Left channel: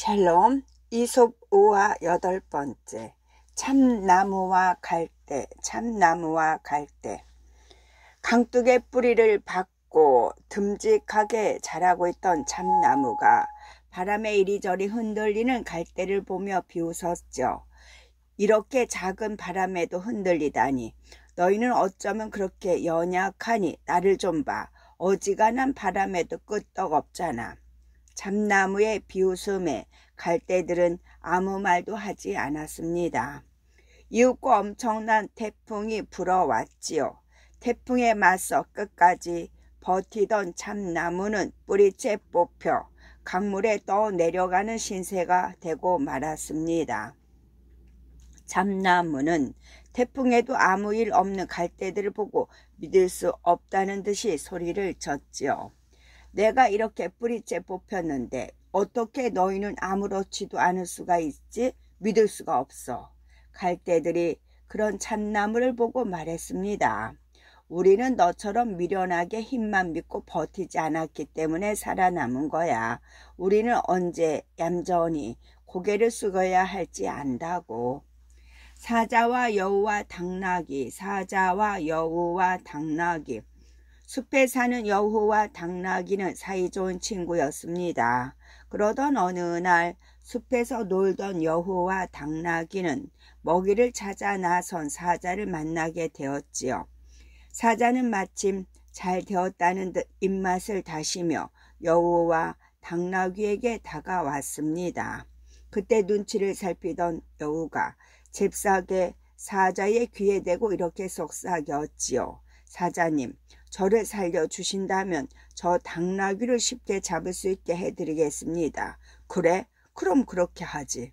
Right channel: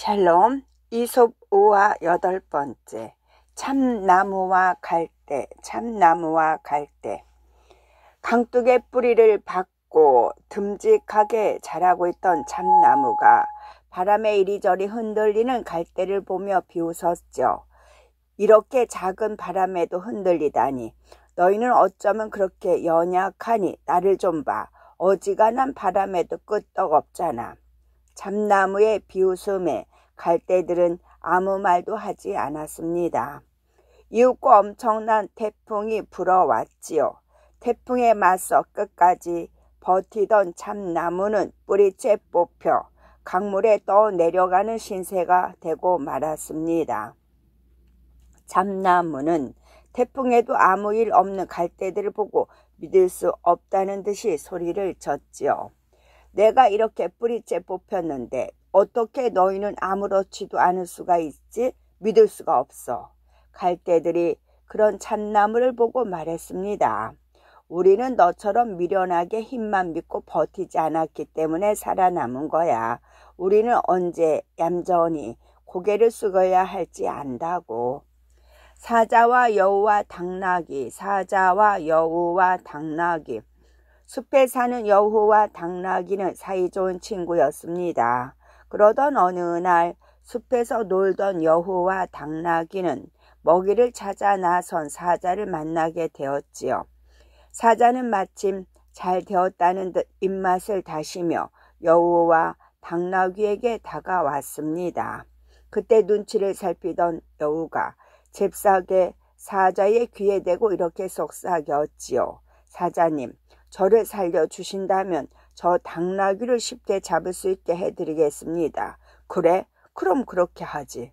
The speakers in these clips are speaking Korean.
샬롬. 이솝 우화 8번째. 참나무와 갈대. 참나무와 갈대. 강둑의 뿌리를 박고 듬직하게 자라고 있던 참나무가 바람에 이리저리 흔들리는 갈대를 보며 비웃었죠. 이렇게 작은 바람에도 흔들리다니. 너희는 어쩌면 그렇게 연약하니 나를 좀 봐. 어지간한 바람에도 끄떡없잖아. 참나무의 비웃음에 갈대들은 아무 말도 하지 않았습니다. 이윽고 엄청난 태풍이 불어왔지요. 태풍에 맞서 끝까지 버티던 참나무는 뿌리째 뽑혀 강물에 떠 내려가는 신세가 되고 말았습니다. 참나무는 태풍에도 아무 일 없는 갈대들을 보고 믿을 수 없다는 듯이 소리를 쳤지요. 내가 이렇게 뿌리째 뽑혔는데 어떻게 너희는 아무렇지도 않을 수가 있지? 믿을 수가 없어. 갈대들이 그런 참나무를 보고 말했습니다. 우리는 너처럼 미련하게 힘만 믿고 버티지 않았기 때문에 살아남은 거야. 우리는 언제 얌전히 고개를 숙여야 할지 안다고. 사자와 여우와 당나귀, 사자와 여우와 당나귀. 숲에 사는 여우와 당나귀는 사이좋은 친구였습니다. 그러던 어느 날 숲에서 놀던 여우와 당나귀는 먹이를 찾아 나선 사자를 만나게 되었지요. 사자는 마침 잘 되었다는 듯 입맛을 다시며 여우와 당나귀에게 다가왔습니다. 그때 눈치를 살피던 여우가 잽싸게 사자의 귀에 대고 이렇게 속삭였지요. 사자님, 저를 살려주신다면 저 당나귀를 쉽게 잡을 수 있게 해드리겠습니다. 그래? 그럼 그렇게 하지.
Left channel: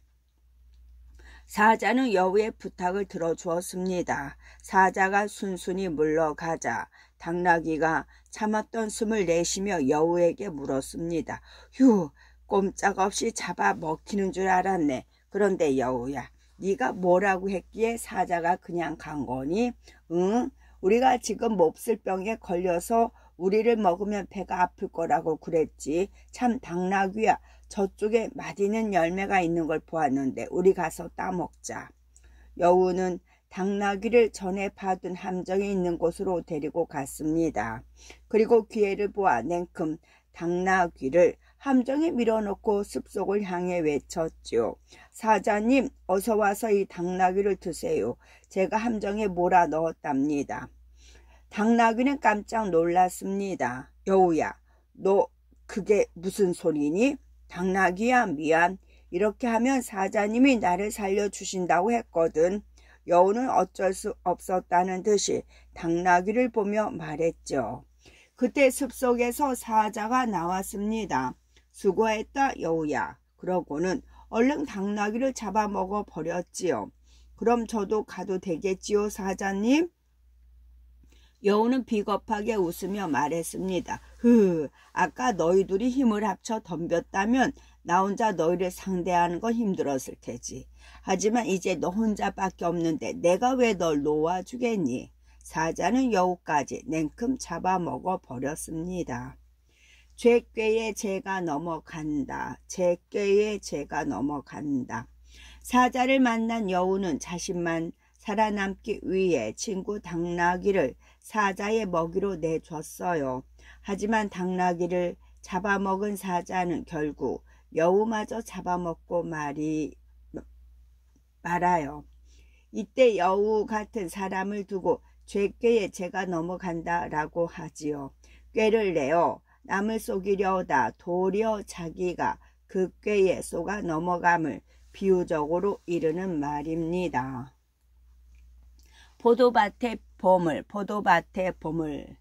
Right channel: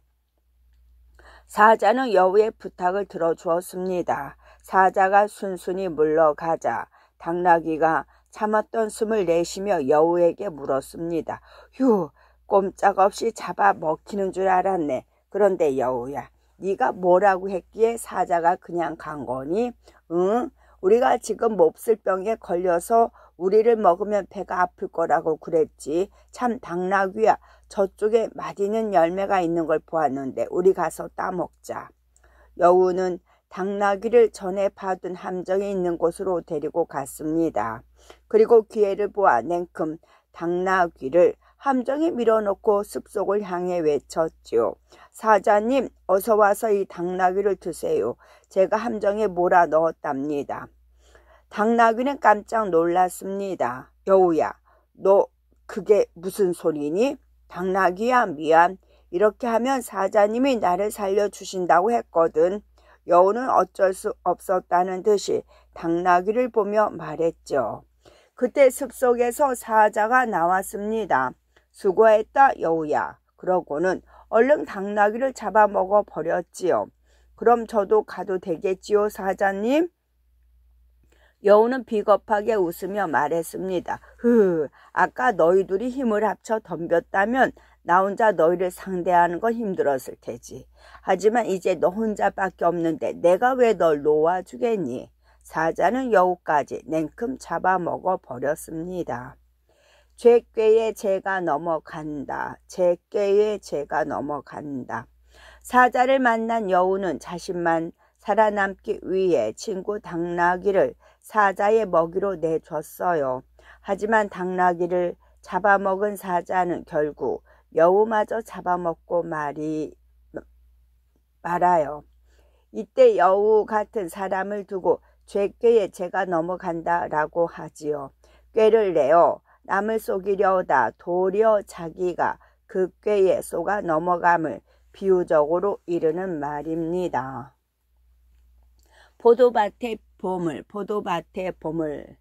사자는 여우의 부탁을 들어주었습니다. 사자가 순순히 물러가자 당나귀가 참았던 숨을 내쉬며 여우에게 물었습니다. 휴, 꼼짝없이 잡아 먹히는 줄 알았네. 그런데 여우야, 네가 뭐라고 했기에 사자가 그냥 간 거니? 응? 우리가 지금 몹쓸 병에 걸려서 우리를 먹으면 배가 아플 거라고 그랬지. 참 당나귀야, 저쪽에 맛있는 열매가 있는 걸 보았는데 우리 가서 따먹자. 여우는 당나귀를 전에 파둔 함정이 있는 곳으로 데리고 갔습니다. 그리고 기회를 보아 냉큼 당나귀를 함정에 밀어넣고 숲속을 향해 외쳤죠. 사자님, 어서 와서 이 당나귀를 드세요. 제가 함정에 몰아 넣었답니다. 당나귀는 깜짝 놀랐습니다. 여우야, 너 그게 무슨 소리니? 당나귀야, 미안. 이렇게 하면 사자님이 나를 살려주신다고 했거든. 여우는 어쩔 수 없었다는 듯이 당나귀를 보며 말했죠. 그때 숲속에서 사자가 나왔습니다. 수고했다, 여우야. 그러고는 얼른 당나귀를 잡아먹어 버렸지요. 그럼 저도 가도 되겠지요, 사자님? 여우는 비겁하게 웃으며 말했습니다. 아까 너희 둘이 힘을 합쳐 덤볐다면 나 혼자 너희를 상대하는 건 힘들었을 테지. 하지만 이제 너 혼자밖에 없는데 내가 왜 널 놓아주겠니? 사자는 여우까지 냉큼 잡아먹어 버렸습니다. 죄꾀에 죄가 넘어간다. 죄꾀에 죄가 넘어간다. 사자를 만난 여우는 자신만 살아남기 위해 친구 당나귀를 사자의 먹이로 내줬어요. 하지만 당나귀를 잡아먹은 사자는 결국 여우마저 잡아먹고 말아요. 이때 여우 같은 사람을 두고 죄꾀에 죄가 넘어간다라고 하지요. 꾀를 내어 남을 속이려다 도리어 자기가 그 꾀에 속아 넘어감을 비유적으로 이르는 말입니다. 포도밭의 보물, 포도밭의 보물.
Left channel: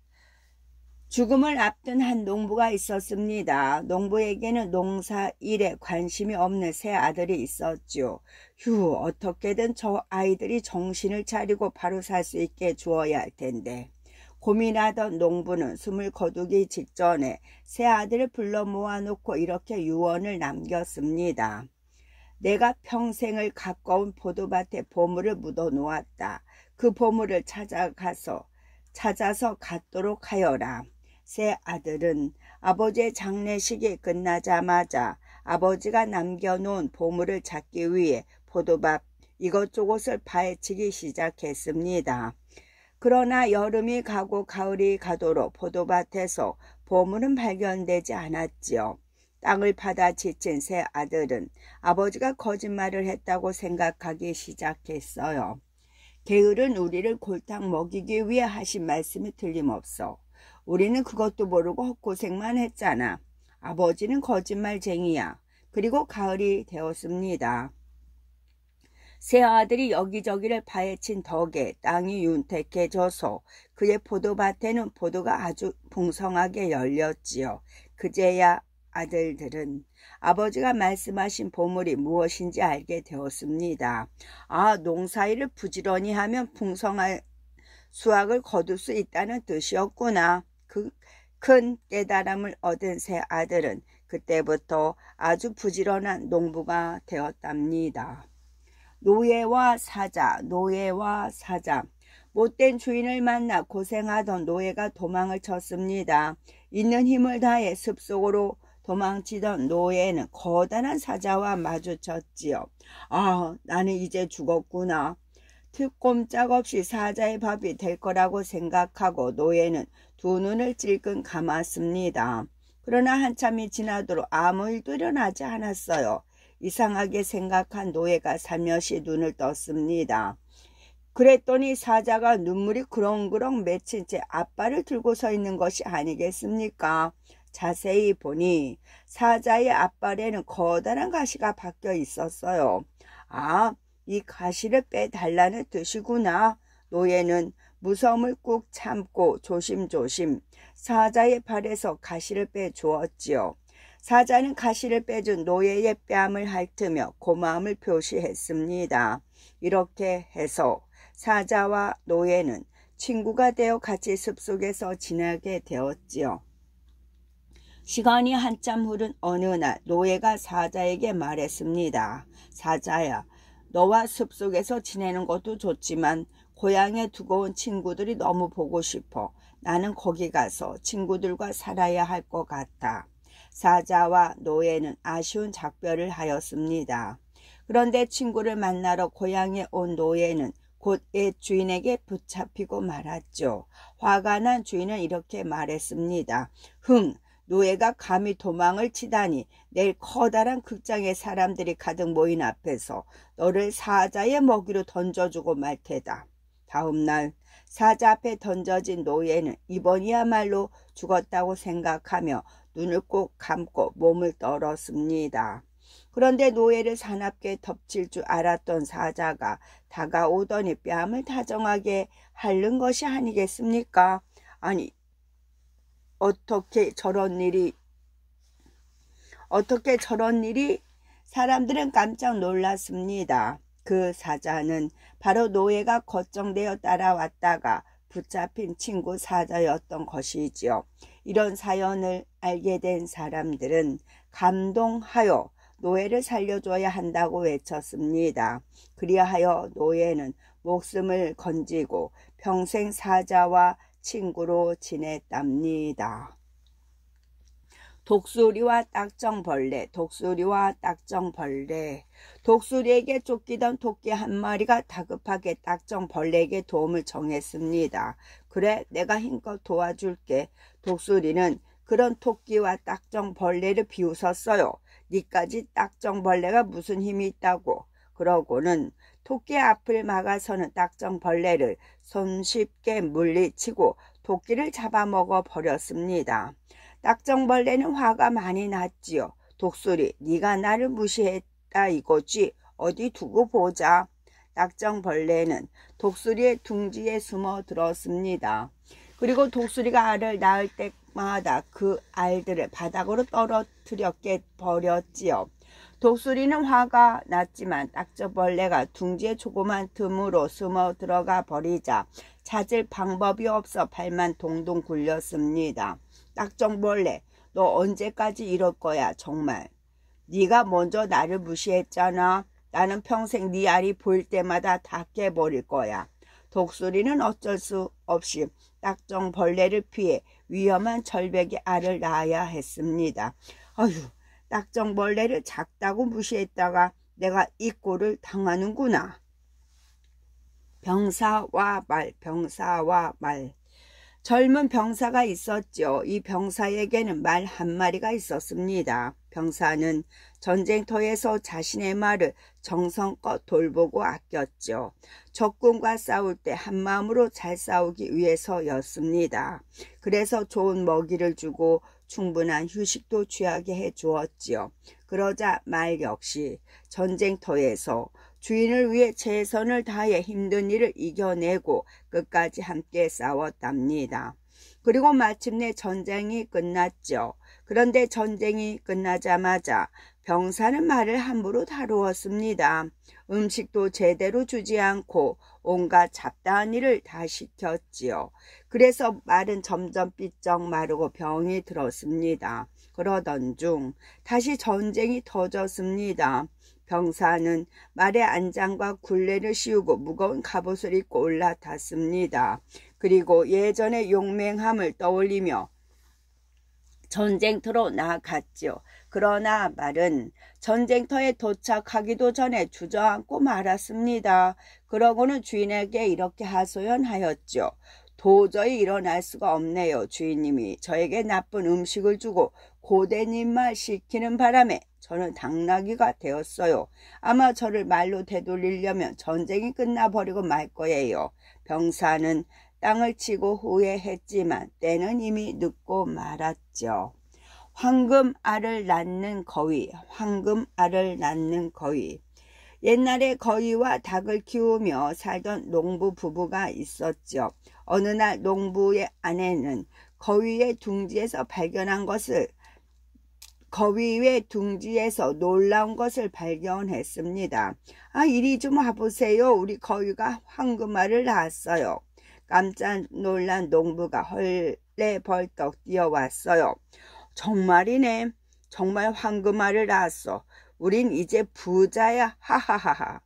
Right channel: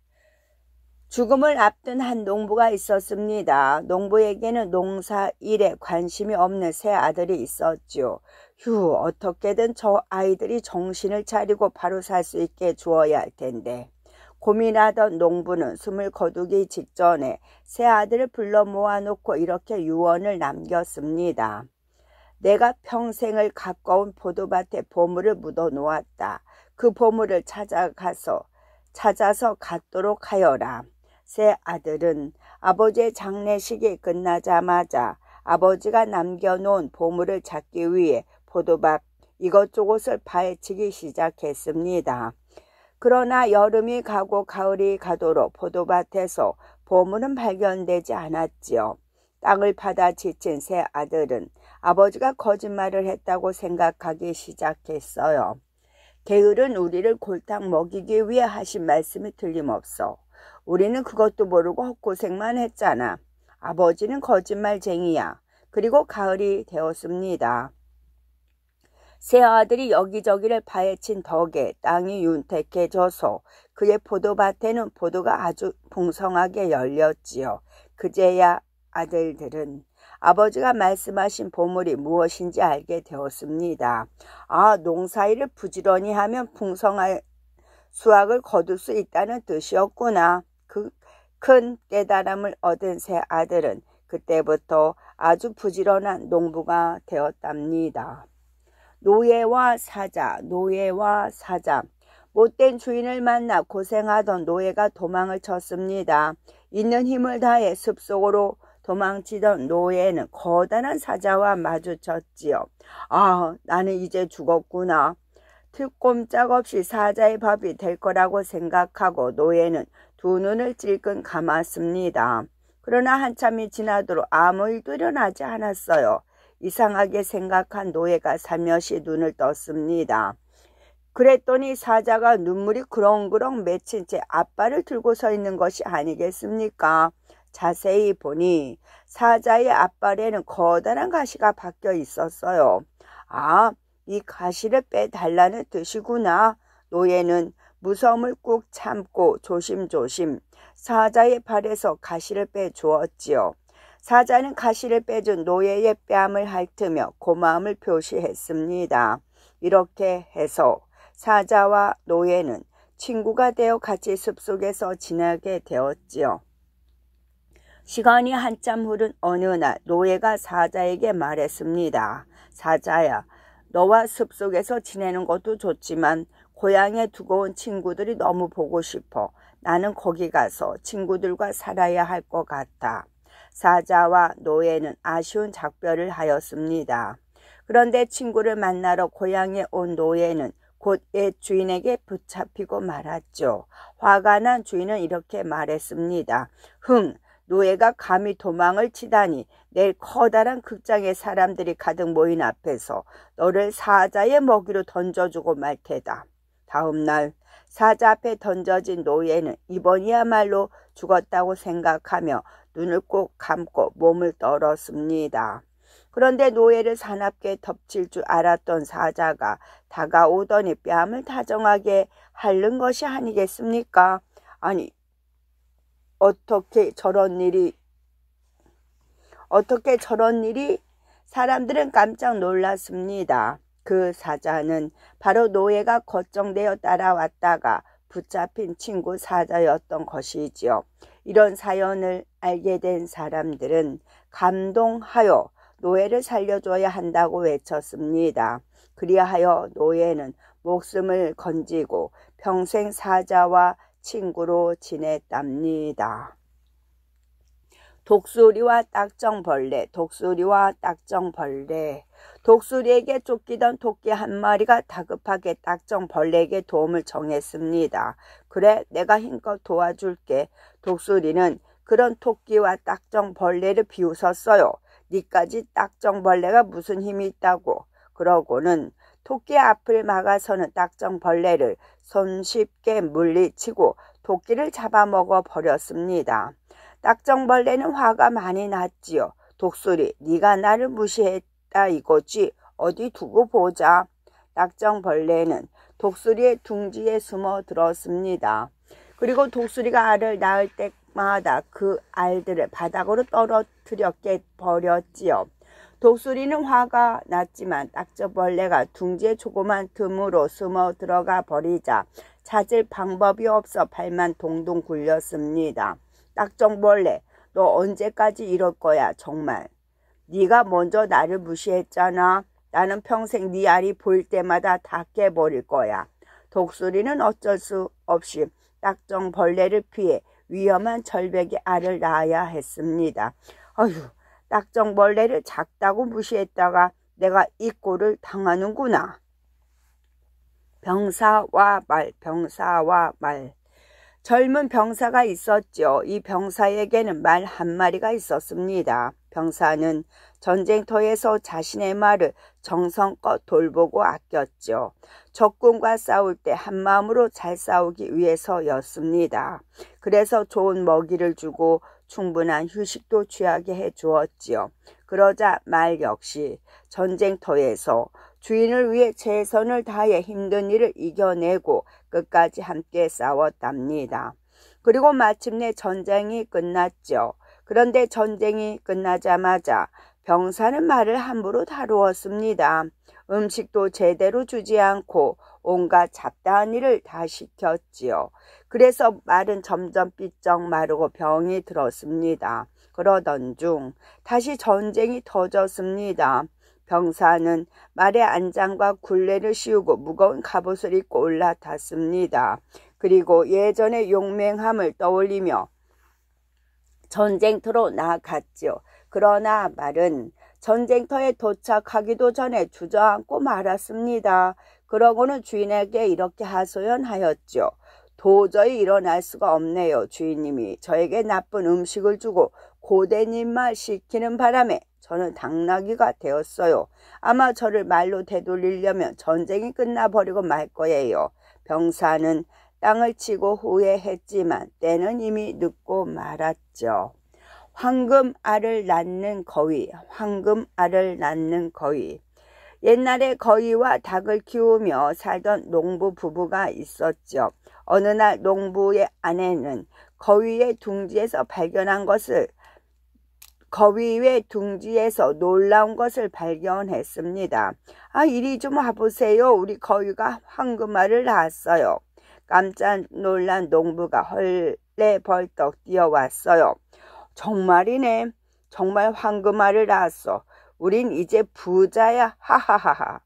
죽음을 앞둔 한 농부가 있었습니다. 농부에게는 농사 일에 관심이 없는 세 아들이 있었죠. 어떻게든 저 아이들이 정신을 차리고 바로 살 수 있게 주어야 할 텐데. 고민하던 농부는 숨을 거두기 직전에 세 아들을 불러 모아놓고 이렇게 유언을 남겼습니다. 내가 평생을 가까운 포도밭에 보물을 묻어놓았다. 그 보물을 찾아서 갖도록 하여라. 세 아들은 아버지의 장례식이 끝나자마자 아버지가 남겨놓은 보물을 찾기 위해 포도밭 이것저것을 파헤치기 시작했습니다. 그러나 여름이 가고 가을이 가도록 포도밭에서 보물은 발견되지 않았지요. 땅을 파다 지친 세 아들은 아버지가 거짓말을 했다고 생각하기 시작했어요. 게으른 우리를 골탕 먹이기 위해 하신 말씀이 틀림없어. 우리는 그것도 모르고 헛고생만 했잖아. 아버지는 거짓말쟁이야. 그리고 가을이 되었습니다. 세 아들이 여기저기를 파헤친 덕에 땅이 윤택해져서 그의 포도밭에는 포도가 아주 풍성하게 열렸지요. 그제야 아들들은 아버지가 말씀하신 보물이 무엇인지 알게 되었습니다. 아, 농사일을 부지런히 하면 풍성한 수확을 거둘 수 있다는 뜻이었구나. 그 큰 깨달음을 얻은 세 아들은 그때부터 아주 부지런한 농부가 되었답니다. 노예와 사자, 노예와 사자. 못된 주인을 만나 고생하던 노예가 도망을 쳤습니다. 있는 힘을 다해 숲속으로 도망치던 노예는 거대한 사자와 마주쳤지요. 아, 나는 이제 죽었구나. 꼼짝없이 사자의 밥이 될 거라고 생각하고 노예는 두 눈을 찔끔 감았습니다. 그러나 한참이 지나도록 아무 일도 일어나지 않았어요. 이상하게 생각한 노예가 살며시 눈을 떴습니다. 그랬더니 사자가 눈물이 그렁그렁 맺힌 채 앞발을 들고 서 있는 것이 아니겠습니까? 자세히 보니 사자의 앞발에는 커다란 가시가 박혀 있었어요. 아, 이 가시를 빼달라는 뜻이구나. 노예는 무서움을 꾹 참고 조심조심 사자의 발에서 가시를 빼주었지요. 사자는 가시를 빼준 노예의 뺨을 핥으며 고마움을 표시했습니다. 이렇게 해서 사자와 노예는 친구가 되어 같이 숲속에서 지내게 되었지요. 시간이 한참 흐른 어느 날 노예가 사자에게 말했습니다. 사자야, 너와 숲속에서 지내는 것도 좋지만 고향에 두고 온 친구들이 너무 보고 싶어. 나는 거기 가서 친구들과 살아야 할 것 같아. 사자와 노예는 아쉬운 작별을 하였습니다. 그런데 친구를 만나러 고향에 온 노예는 곧 옛 주인에게 붙잡히고 말았죠. 화가 난 주인은 이렇게 말했습니다. 노예가 감히 도망을 치다니. 내일 커다란 극장에 사람들이 가득 모인 앞에서 너를 사자의 먹이로 던져주고 말 테다. 다음 날 사자 앞에 던져진 노예는 이번이야말로 죽었다고 생각하며 눈을 꼭 감고 몸을 떨었습니다. 그런데 노예를 사납게 덮칠 줄 알았던 사자가 다가오더니 뺨을 다정하게 핥는 것이 아니겠습니까? 아니, 어떻게 저런 일이 사람들은 깜짝 놀랐습니다. 그 사자는 바로 노예가 걱정되어 따라왔다가 붙잡힌 친구 사자였던 것이지요. 이런 사연을 알게 된 사람들은 감동하여 노예를 살려줘야 한다고 외쳤습니다. 그리하여 노예는 목숨을 건지고 평생 사자와 친구로 지냈답니다. 독수리와 딱정벌레, 독수리와 딱정벌레. 독수리에게 쫓기던 토끼 한 마리가 다급하게 딱정벌레에게 도움을 청했습니다. 그래, 내가 힘껏 도와줄게. 독수리는 그런 토끼와 딱정벌레를 비웃었어요. 니까지 딱정벌레가 무슨 힘이 있다고. 그러고는 토끼의 앞을 막아서는 딱정벌레를 손쉽게 물리치고 토끼를 잡아먹어 버렸습니다. 딱정벌레는 화가 많이 났지요. 독수리, 네가 나를 무시했다 이거지. 어디 두고 보자. 딱정벌레는 독수리의 둥지에 숨어 들었습니다. 그리고 독수리가 알을 낳을 때마다 그 알들을 바닥으로 떨어뜨려 깨버렸지요. 독수리는 화가 났지만 딱정벌레가 둥지의 조그만 틈으로 숨어 들어가 버리자 찾을 방법이 없어 발만 동동 굴렸습니다. 딱정벌레, 너 언제까지 이럴 거야 정말. 네가 먼저 나를 무시했잖아. 나는 평생 네 알이 보일 때마다 다 깨버릴 거야. 독수리는 어쩔 수 없이 딱정벌레를 피해 위험한 절벽에 알을 낳아야 했습니다. 어휴, 딱정벌레를 작다고 무시했다가 내가 이 꼴을 당하는구나. 병사와 말, 병사와 말. 젊은 병사가 있었죠. 이 병사에게는 말 한 마리가 있었습니다. 병사는 전쟁터에서 자신의 말을 정성껏 돌보고 아꼈죠. 적군과 싸울 때 한마음으로 잘 싸우기 위해서였습니다. 그래서 좋은 먹이를 주고 충분한 휴식도 취하게 해주었지요. 그러자 말 역시 전쟁터에서 주인을 위해 최선을 다해 힘든 일을 이겨내고 끝까지 함께 싸웠답니다. 그리고 마침내 전쟁이 끝났죠. 그런데 전쟁이 끝나자마자 병사는 말을 함부로 다루었습니다. 음식도 제대로 주지 않고 온갖 잡다한 일을 다 시켰지요. 그래서 말은 점점 삐쩍 마르고 병이 들었습니다. 그러던 중 다시 전쟁이 터졌습니다. 병사는 말의 안장과 굴레를 씌우고 무거운 갑옷을 입고 올라탔습니다. 그리고 예전의 용맹함을 떠올리며 전쟁터로 나아갔지요. 그러나 말은 전쟁터에 도착하기도 전에 주저앉고 말았습니다. 그러고는 주인에게 이렇게 하소연하였죠. 도저히 일어날 수가 없네요. 주인님이 저에게 나쁜 음식을 주고 고된 일만 시키는 바람에 저는 당나귀가 되었어요. 아마 저를 말로 되돌리려면 전쟁이 끝나버리고 말 거예요. 병사는 땅을 치고 후회했지만 때는 이미 늦고 말았죠. 황금알을 낳는 거위, 황금알을 낳는 거위. 옛날에 거위와 닭을 키우며 살던 농부 부부가 있었죠. 어느 날 농부의 아내는 거위의 둥지에서 놀라운 것을 발견했습니다. 이리 좀 와보세요. 우리 거위가 황금알을 낳았어요. 깜짝 놀란 농부가 헐레벌떡 뛰어왔어요. 정말이네. 정말 황금알을 낳았어. 우린 이제 부자야. 하하하하.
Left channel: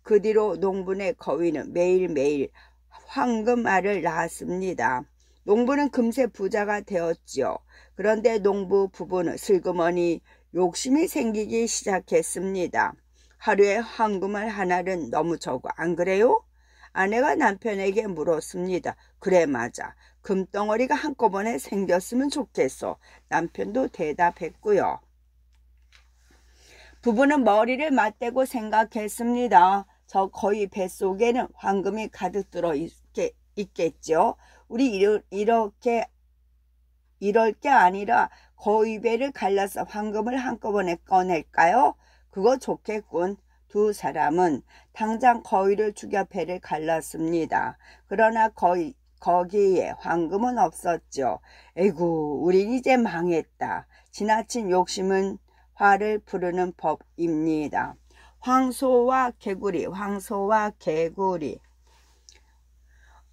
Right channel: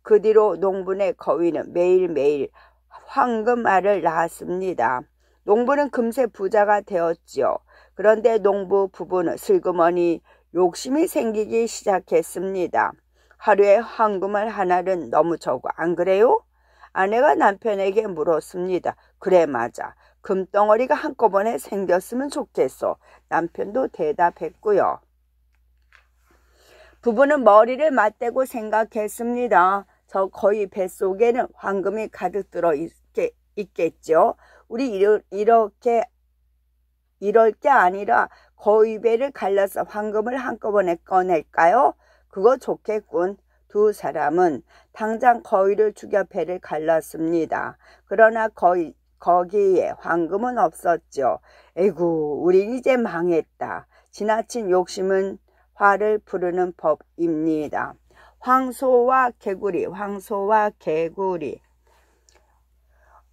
그 뒤로 농부네 거위는 매일매일 황금알을 낳았습니다. 농부는 금세 부자가 되었지요. 그런데 농부 부부는 슬그머니 욕심이 생기기 시작했습니다. 하루에 황금알 하나는 너무 적어, 안 그래요? 아내가 남편에게 물었습니다. 그래, 맞아. 금덩어리가 한꺼번에 생겼으면 좋겠어. 남편도 대답했고요. 부부는 머리를 맞대고 생각했습니다. 저 거위 뱃속에는 황금이 가득 들어 있겠죠. 우리 이럴 게 아니라 거위 배를 갈라서 황금을 한꺼번에 꺼낼까요? 그거 좋겠군. 두 사람은 당장 거위를 죽여 배를 갈랐습니다. 그러나 거기에 황금은 없었죠. 에구, 우린 이제 망했다. 지나친 욕심은 화를 부르는 법입니다. 황소와 개구리, 황소와 개구리.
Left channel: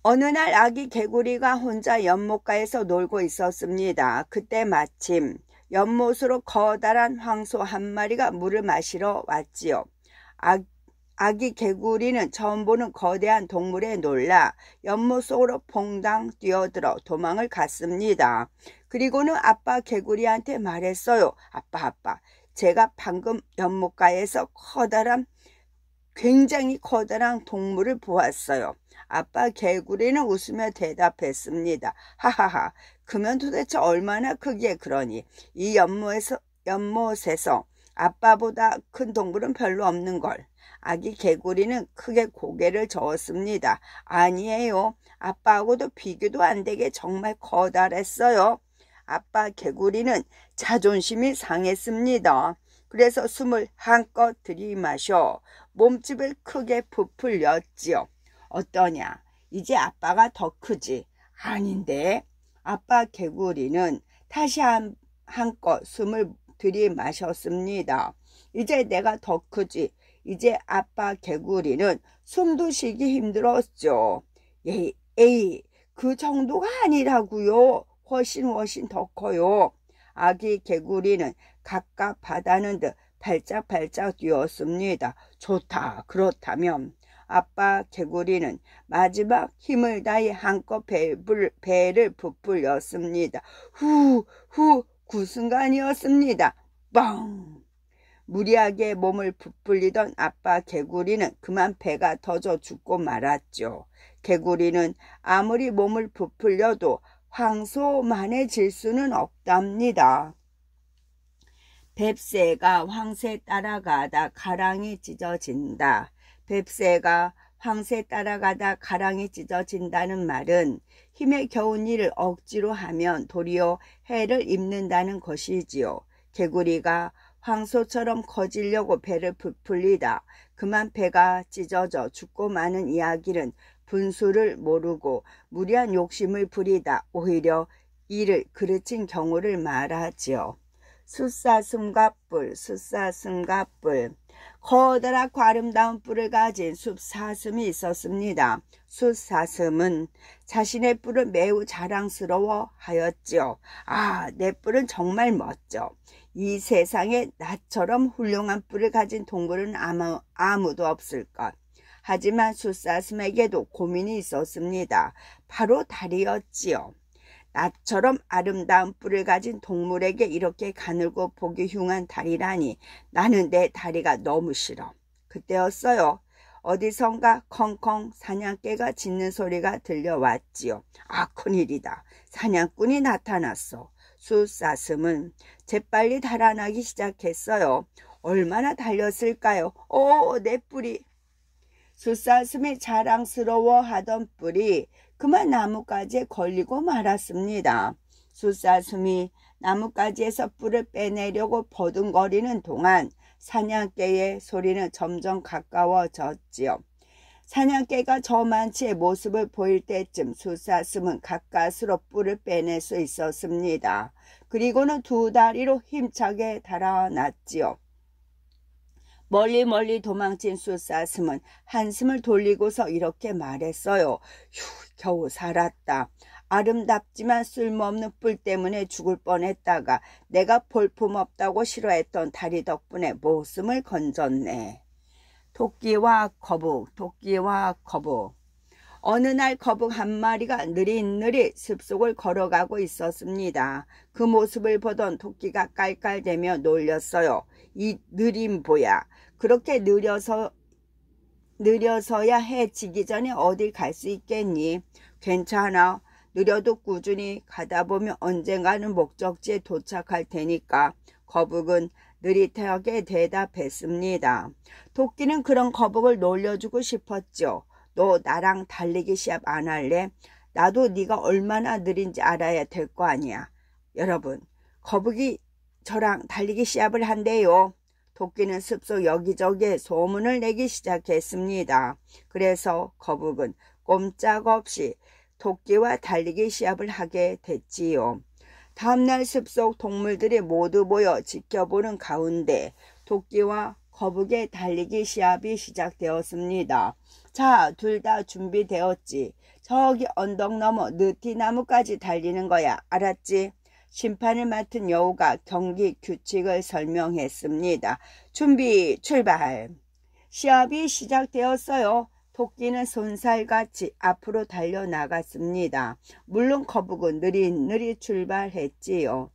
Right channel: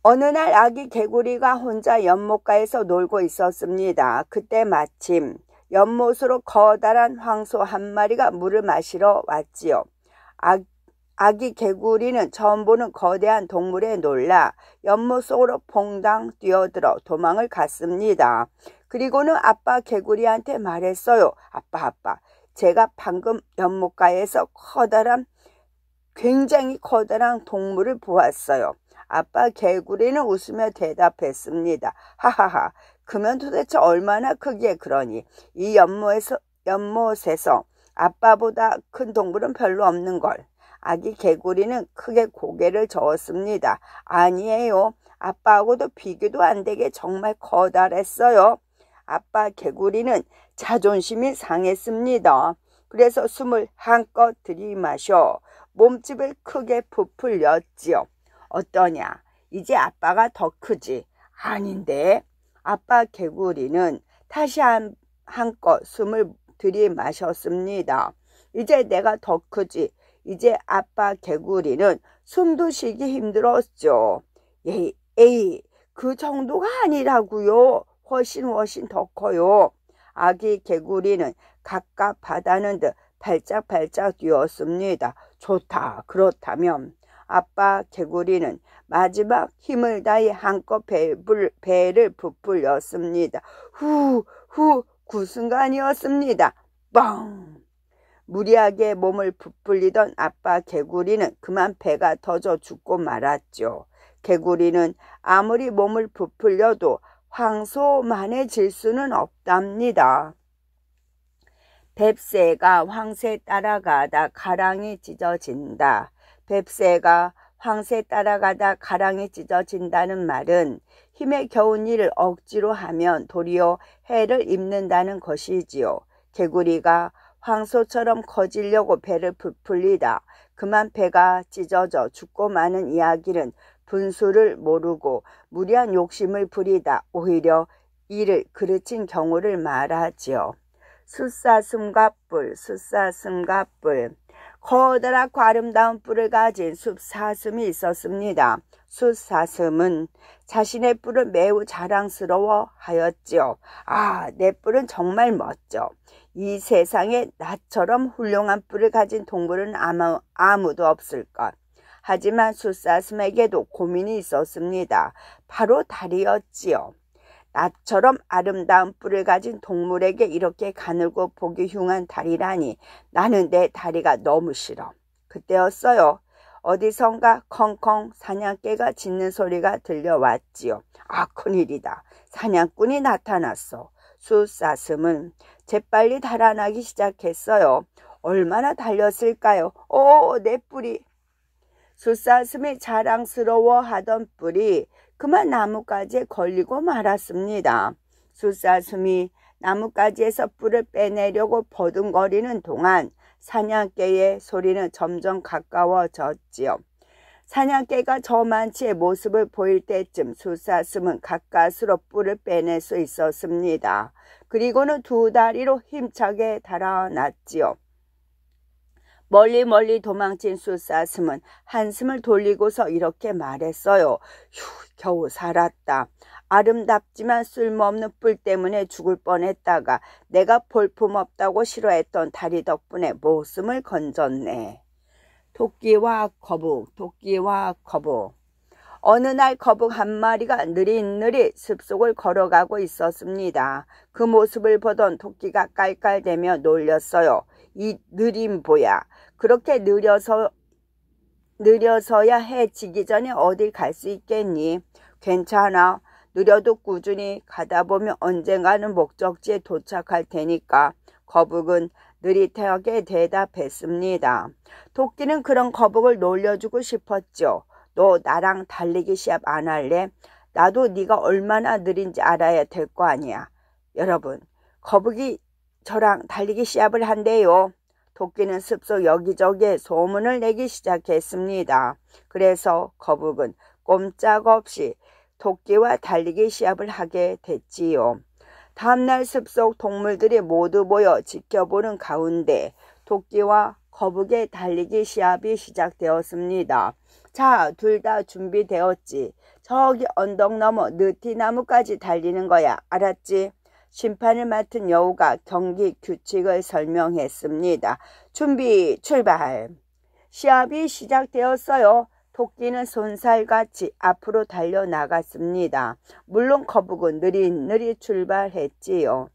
어느 날 아기 개구리가 혼자 연못가에서 놀고 있었습니다. 그때 마침 연못으로 커다란 황소 한 마리가 물을 마시러 왔지요. 아기 개구리는 처음 보는 거대한 동물에 놀라 연못 속으로 퐁당 뛰어들어 도망을 갔습니다. 그리고는 아빠 개구리한테 말했어요. 아빠, 제가 방금 연못가에서 굉장히 커다란 동물을 보았어요. 아빠 개구리는 웃으며 대답했습니다. 하하하, 그면 도대체 얼마나 크기에 그러니? 이 연못에서 아빠보다 큰 동물은 별로 없는걸. 아기 개구리는 크게 고개를 저었습니다. 아니에요. 아빠하고도 비교도 안 되게 정말 커다랬어요. 아빠 개구리는 자존심이 상했습니다. 그래서 숨을 한껏 들이마셔 몸집을 크게 부풀렸지요. 어떠냐? 이제 아빠가 더 크지? 아닌데. 아빠 개구리는 다시 한껏 숨을 들이마셨습니다. 이제 내가 더 크지? 이제 아빠 개구리는 숨도 쉬기 힘들었죠. 에이, 그 정도가 아니라고요. 훨씬 더 커요. 아기 개구리는 갑갑 바다는 듯 발짝발짝 뛰었습니다. 좋다. 그렇다면 아빠 개구리는 마지막 힘을 다해 한껏 배를 부풀렸습니다. 후, 그 순간이었습니다. 뻥! 무리하게 몸을 부풀리던 아빠 개구리는 그만 배가 터져 죽고 말았죠. 개구리는 아무리 몸을 부풀려도 황소만해질 수는 없답니다. 뱁새가 황새 따라가다 가랑이 찢어진다. 뱁새가 황새 따라가다 가랑이 찢어진다는 말은 힘에 겨운 일을 억지로 하면 도리어 해를 입는다는 것이지요. 개구리가 황소처럼 커지려고 배를 부풀리다 그만 배가 찢어져 죽고 마는 이야기는 분수를 모르고 무리한 욕심을 부리다 오히려 이를 그르친 경우를 말하지요. 숫사슴과 뿔, 숫사슴과 뿔. 커다랗고 아름다운 뿔을 가진 숫사슴이 있었습니다. 숫사슴은 자신의 뿔을 매우 자랑스러워 하였지요. 아, 내 뿔은 정말 멋져. 이 세상에 나처럼 훌륭한 뿔을 가진 동물은 아무도 없을 것. 하지만 숫사슴에게도 고민이 있었습니다. 바로 다리였지요. 나처럼 아름다운 뿔을 가진 동물에게 이렇게 가늘고 보기 흉한 다리라니 나는 내 다리가 너무 싫어. 그때였어요. 어디선가 컹컹 사냥개가 짖는 소리가 들려왔지요. 아, 큰일이다. 사냥꾼이 나타났어. 숫사슴은 재빨리 달아나기 시작했어요. 얼마나 달렸을까요? 내 뿔이. 숫사슴이 자랑스러워하던 뿔이 그만 나뭇가지에 걸리고 말았습니다. 숫사슴이 나뭇가지에서 뿔을 빼내려고 버둥거리는 동안 사냥개의 소리는 점점 가까워졌지요. 사냥개가 저만치의 모습을 보일 때쯤 숫사슴은 가까스로 뿔을 빼낼 수 있었습니다. 그리고는 두 다리로 힘차게 달아났지요. 멀리 도망친 숫사슴은 한숨을 돌리고서 이렇게 말했어요. 휴, 겨우 살았다. 아름답지만 쓸모없는 뿔 때문에 죽을 뻔했다가 내가 볼품없다고 싫어했던 다리 덕분에 목숨을 건졌네. 토끼와 거북, 토끼와 거북. 어느 날 거북 한 마리가 느릿느릿 숲속을 걸어가고 있었습니다. 그 모습을 보던 토끼가 깔깔대며 놀렸어요. 이 느린 보야. 그렇게 느려서야 해 지기 전에 어딜 갈 수 있겠니? 괜찮아. 느려도 꾸준히 가다 보면 언젠가는 목적지에 도착할 테니까. 거북은 느릿하게 대답했습니다. 토끼는 그런 거북을 놀려주고 싶었죠. 너 나랑 달리기 시합 안 할래? 나도 네가 얼마나 느린지 알아야 될 거 아니야. 여러분, 거북이 저랑 달리기 시합을 한대요. 토끼는 숲속 여기저기에 소문을 내기 시작했습니다. 그래서 거북은 꼼짝없이 토끼와 달리기 시합을 하게 됐지요. 다음날 숲속 동물들이 모두 모여 지켜보는 가운데 토끼와 거북의 달리기 시합이 시작되었습니다. 자, 둘 다 준비되었지. 저기 언덕 너머 느티나무까지 달리는 거야. 알았지? 심판을 맡은 여우가 경기 규칙을 설명했습니다. 준비, 출발! 시합이 시작되었어요. 토끼는 손살같이 앞으로 달려나갔습니다. 물론 거북은 느릿느릿 출발했지요.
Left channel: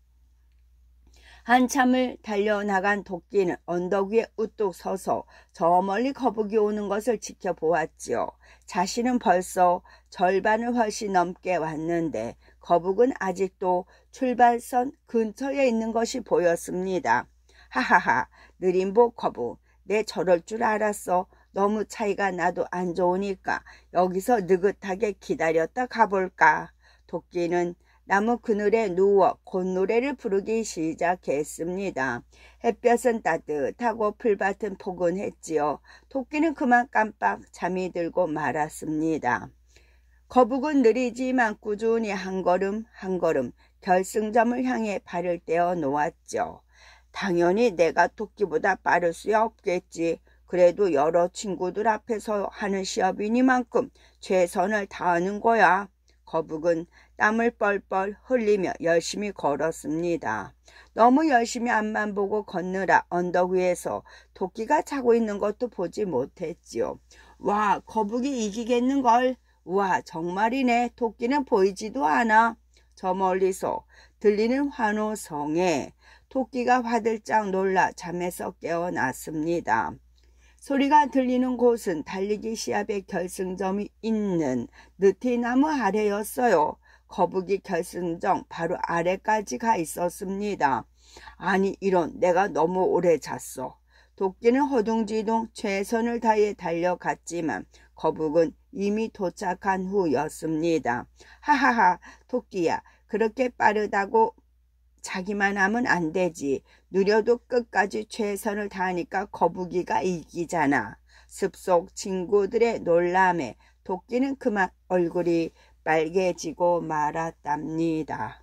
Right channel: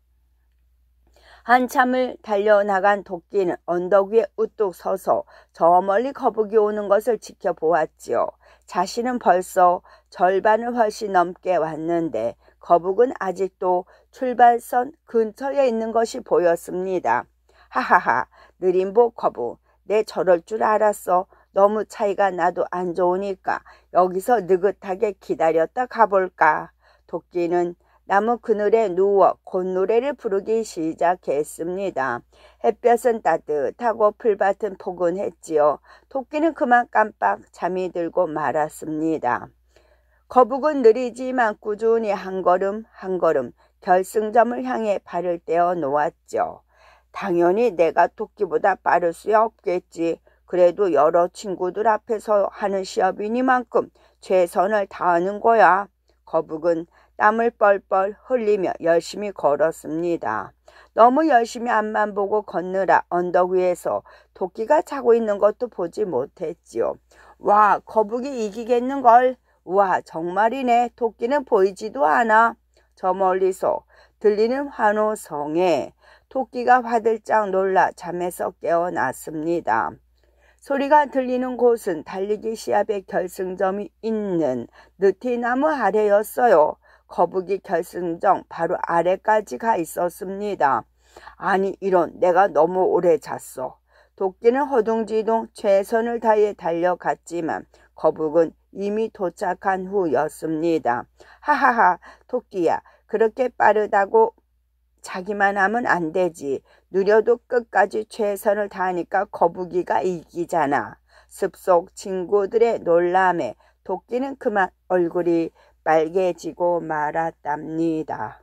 한참을 달려나간 토끼는 언덕 위에 우뚝 서서 저 멀리 거북이 오는 것을 지켜보았지요. 자신은 벌써 절반을 훨씬 넘게 왔는데 거북은 아직도 출발선 근처에 있는 것이 보였습니다. 하하하, 느림보 거북, 내 저럴 줄 알았어. 너무 차이가 나도 안 좋으니까 여기서 느긋하게 기다렸다 가볼까. 토끼는 나무 그늘에 누워 콧노래를 부르기 시작했습니다. 햇볕은 따뜻하고 풀밭은 포근했지요. 토끼는 그만 깜빡 잠이 들고 말았습니다. 거북은 느리지만 꾸준히 한 걸음 한 걸음 결승점을 향해 발을 떼어 놓았죠. 당연히 내가 토끼보다 빠를 수야 없겠지. 그래도 여러 친구들 앞에서 하는 시합이니만큼 최선을 다하는 거야. 거북은 땀을 뻘뻘 흘리며 열심히 걸었습니다. 너무 열심히 앞만 보고 걷느라 언덕 위에서 토끼가 자고 있는 것도 보지 못했지요. 와, 거북이 이기겠는걸. 와, 정말이네. 토끼는 보이지도 않아. 저 멀리서 들리는 환호성에 토끼가 화들짝 놀라 잠에서 깨어났습니다. 소리가 들리는 곳은 달리기 시합의 결승점이 있는 느티나무 아래였어요. 거북이 결승점 바로 아래까지 가 있었습니다. 아니 이런, 내가 너무 오래 잤어. 토끼는 허둥지둥 최선을 다해 달려갔지만 거북은 이미 도착한 후였습니다. 하하하, 토끼야, 그렇게 빠르다고 자기만 하면 안 되지. 느려도 끝까지 최선을 다하니까 거북이가 이기잖아. 숲속 친구들의 놀람에 토끼는 그만 얼굴이 빨개지고 말았답니다.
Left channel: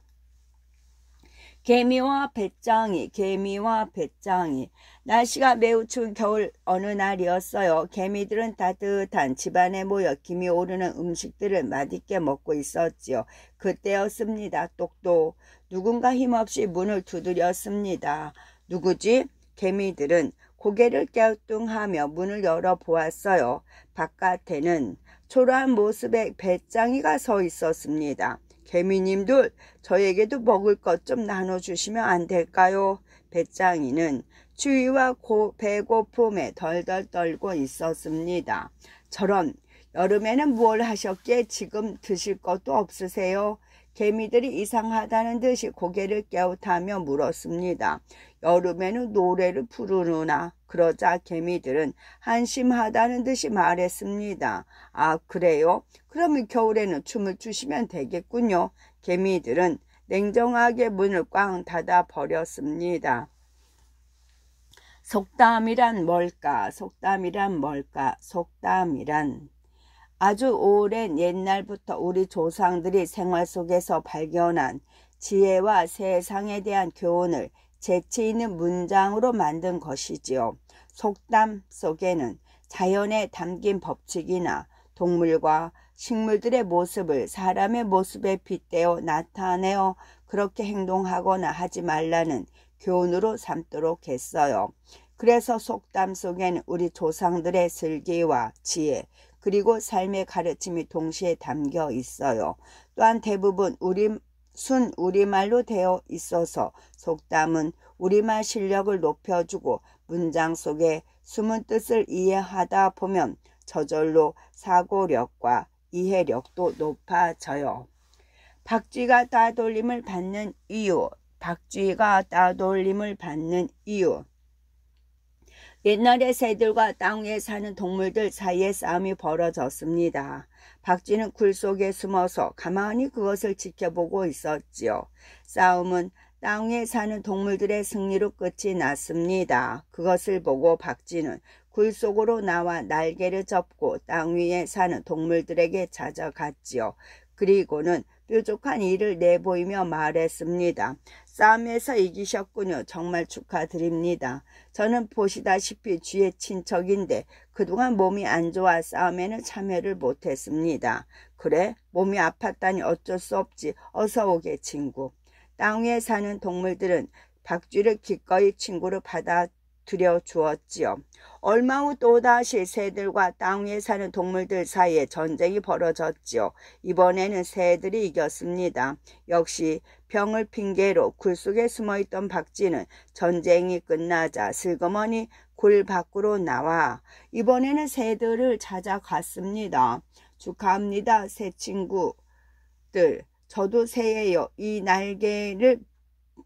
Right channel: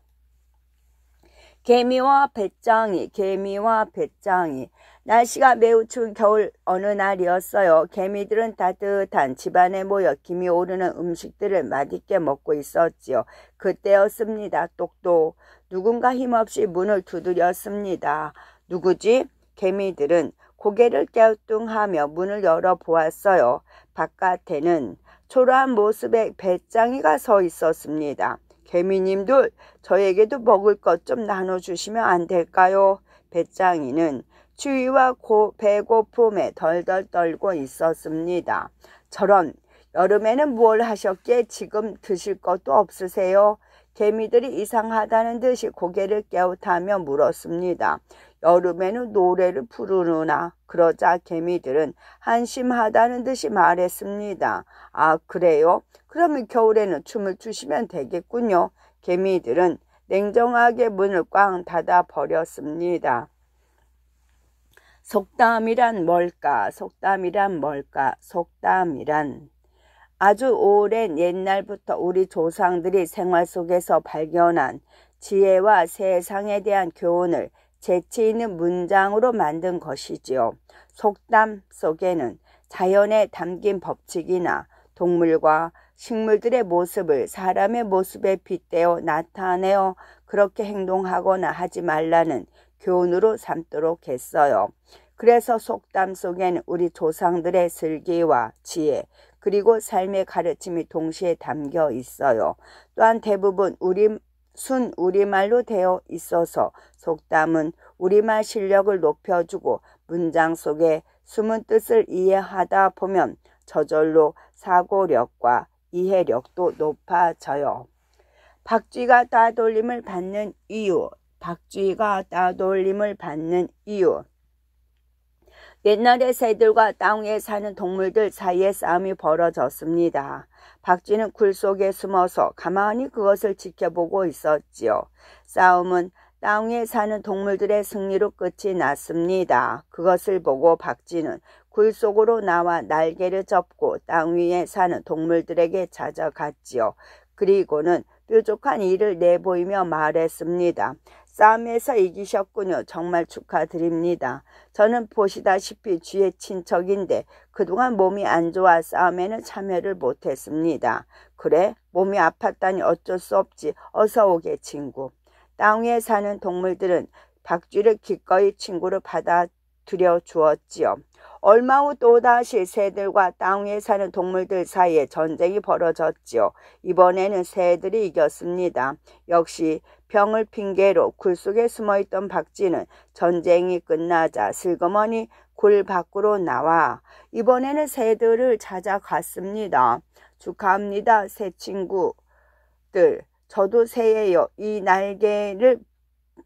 개미와 배짱이, 개미와 배짱이. 날씨가 매우 추운 겨울 어느 날이었어요. 개미들은 따뜻한 집안에 모여 김이 오르는 음식들을 맛있게 먹고 있었지요. 그때였습니다. 똑똑. 누군가 힘없이 문을 두드렸습니다. 누구지? 개미들은 고개를 갸우뚱하며 문을 열어보았어요. 바깥에는 초라한 모습의 배짱이가 서 있었습니다. 개미님들, 저에게도 먹을 것 좀 나눠주시면 안 될까요? 배짱이는 추위와 배고픔에 덜덜 떨고 있었습니다. 저런, 여름에는 뭘 하셨기에 지금 드실 것도 없으세요? 개미들이 이상하다는 듯이 고개를 깨우타며 물었습니다. 여름에는 노래를 부르느나. 그러자 개미들은 한심하다는 듯이 말했습니다. 아, 그래요? 그러면 겨울에는 춤을 추시면 되겠군요. 개미들은 냉정하게 문을 꽝 닫아 버렸습니다. 속담이란 뭘까? 속담이란 뭘까? 속담이란 아주 오랜 옛날부터 우리 조상들이 생활 속에서 발견한 지혜와 세상에 대한 교훈을 재치 있는 문장으로 만든 것이지요. 속담 속에는 자연에 담긴 법칙이나 동물과 식물들의 모습을 사람의 모습에 빗대어 나타내어 그렇게 행동하거나 하지 말라는 교훈으로 삼도록 했어요. 그래서 속담 속에는 우리 조상들의 슬기와 지혜, 그리고 삶의 가르침이 동시에 담겨 있어요. 또한 대부분 우리말로 되어 있어서 속담은 우리말 실력을 높여주고 문장 속에 숨은 뜻을 이해하다 보면 저절로 사고력과 이해력도 높아져요. 박쥐가 따돌림을 받는 이유. 박쥐가 따돌림을 받는 이유. 옛날에 새들과 땅 위에 사는 동물들 사이에 싸움이 벌어졌습니다. 박쥐는 굴 속에 숨어서 가만히 그것을 지켜보고 있었지요. 싸움은 땅 위에 사는 동물들의 승리로 끝이 났습니다. 그것을 보고 박쥐는 굴 속으로 나와 날개를 접고 땅 위에 사는 동물들에게 찾아갔지요. 그리고는 뾰족한 이를 내보이며 말했습니다. 싸움에서 이기셨군요. 정말 축하드립니다. 저는 보시다시피 쥐의 친척인데 그동안 몸이 안 좋아 싸움에는 참여를 못했습니다. 그래? 몸이 아팠다니 어쩔 수 없지. 어서 오게 친구. 땅 위에 사는 동물들은 박쥐를 기꺼이 친구로 받아들여 주었지요. 얼마 후 또다시 새들과 땅 위에 사는 동물들 사이에 전쟁이 벌어졌지요. 이번에는 새들이 이겼습니다. 역시 병을 핑계로 굴 속에 숨어있던 박쥐는 전쟁이 끝나자 슬그머니 굴 밖으로 나와 이번에는 새들을 찾아갔습니다. 축하합니다, 새 친구들. 저도 새예요. 이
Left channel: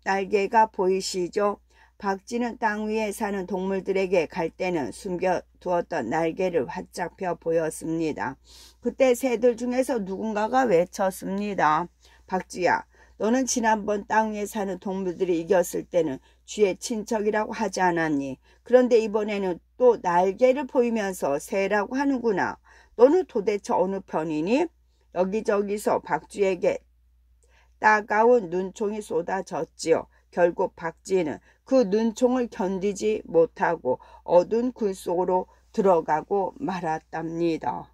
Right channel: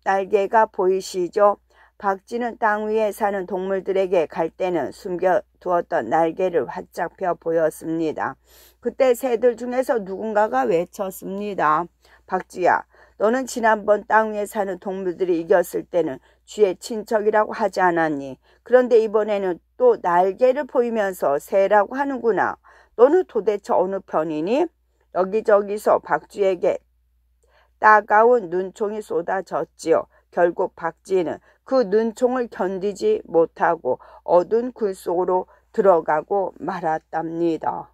날개가 보이시죠? 박쥐는 땅 위에 사는 동물들에게 갈 때는 숨겨두었던 날개를 활짝 펴 보였습니다. 그때 새들 중에서 누군가가 외쳤습니다. 박쥐야, 너는 지난번 땅 위에 사는 동물들이 이겼을 때는 쥐의 친척이라고 하지 않았니? 그런데 이번에는 또 날개를 보이면서 새라고 하는구나. 너는 도대체 어느 편이니? 여기저기서 박쥐에게 따가운 눈총이 쏟아졌지요. 결국 박쥐는 그 눈총을 견디지 못하고 어두운 굴 속으로 들어가고 말았답니다.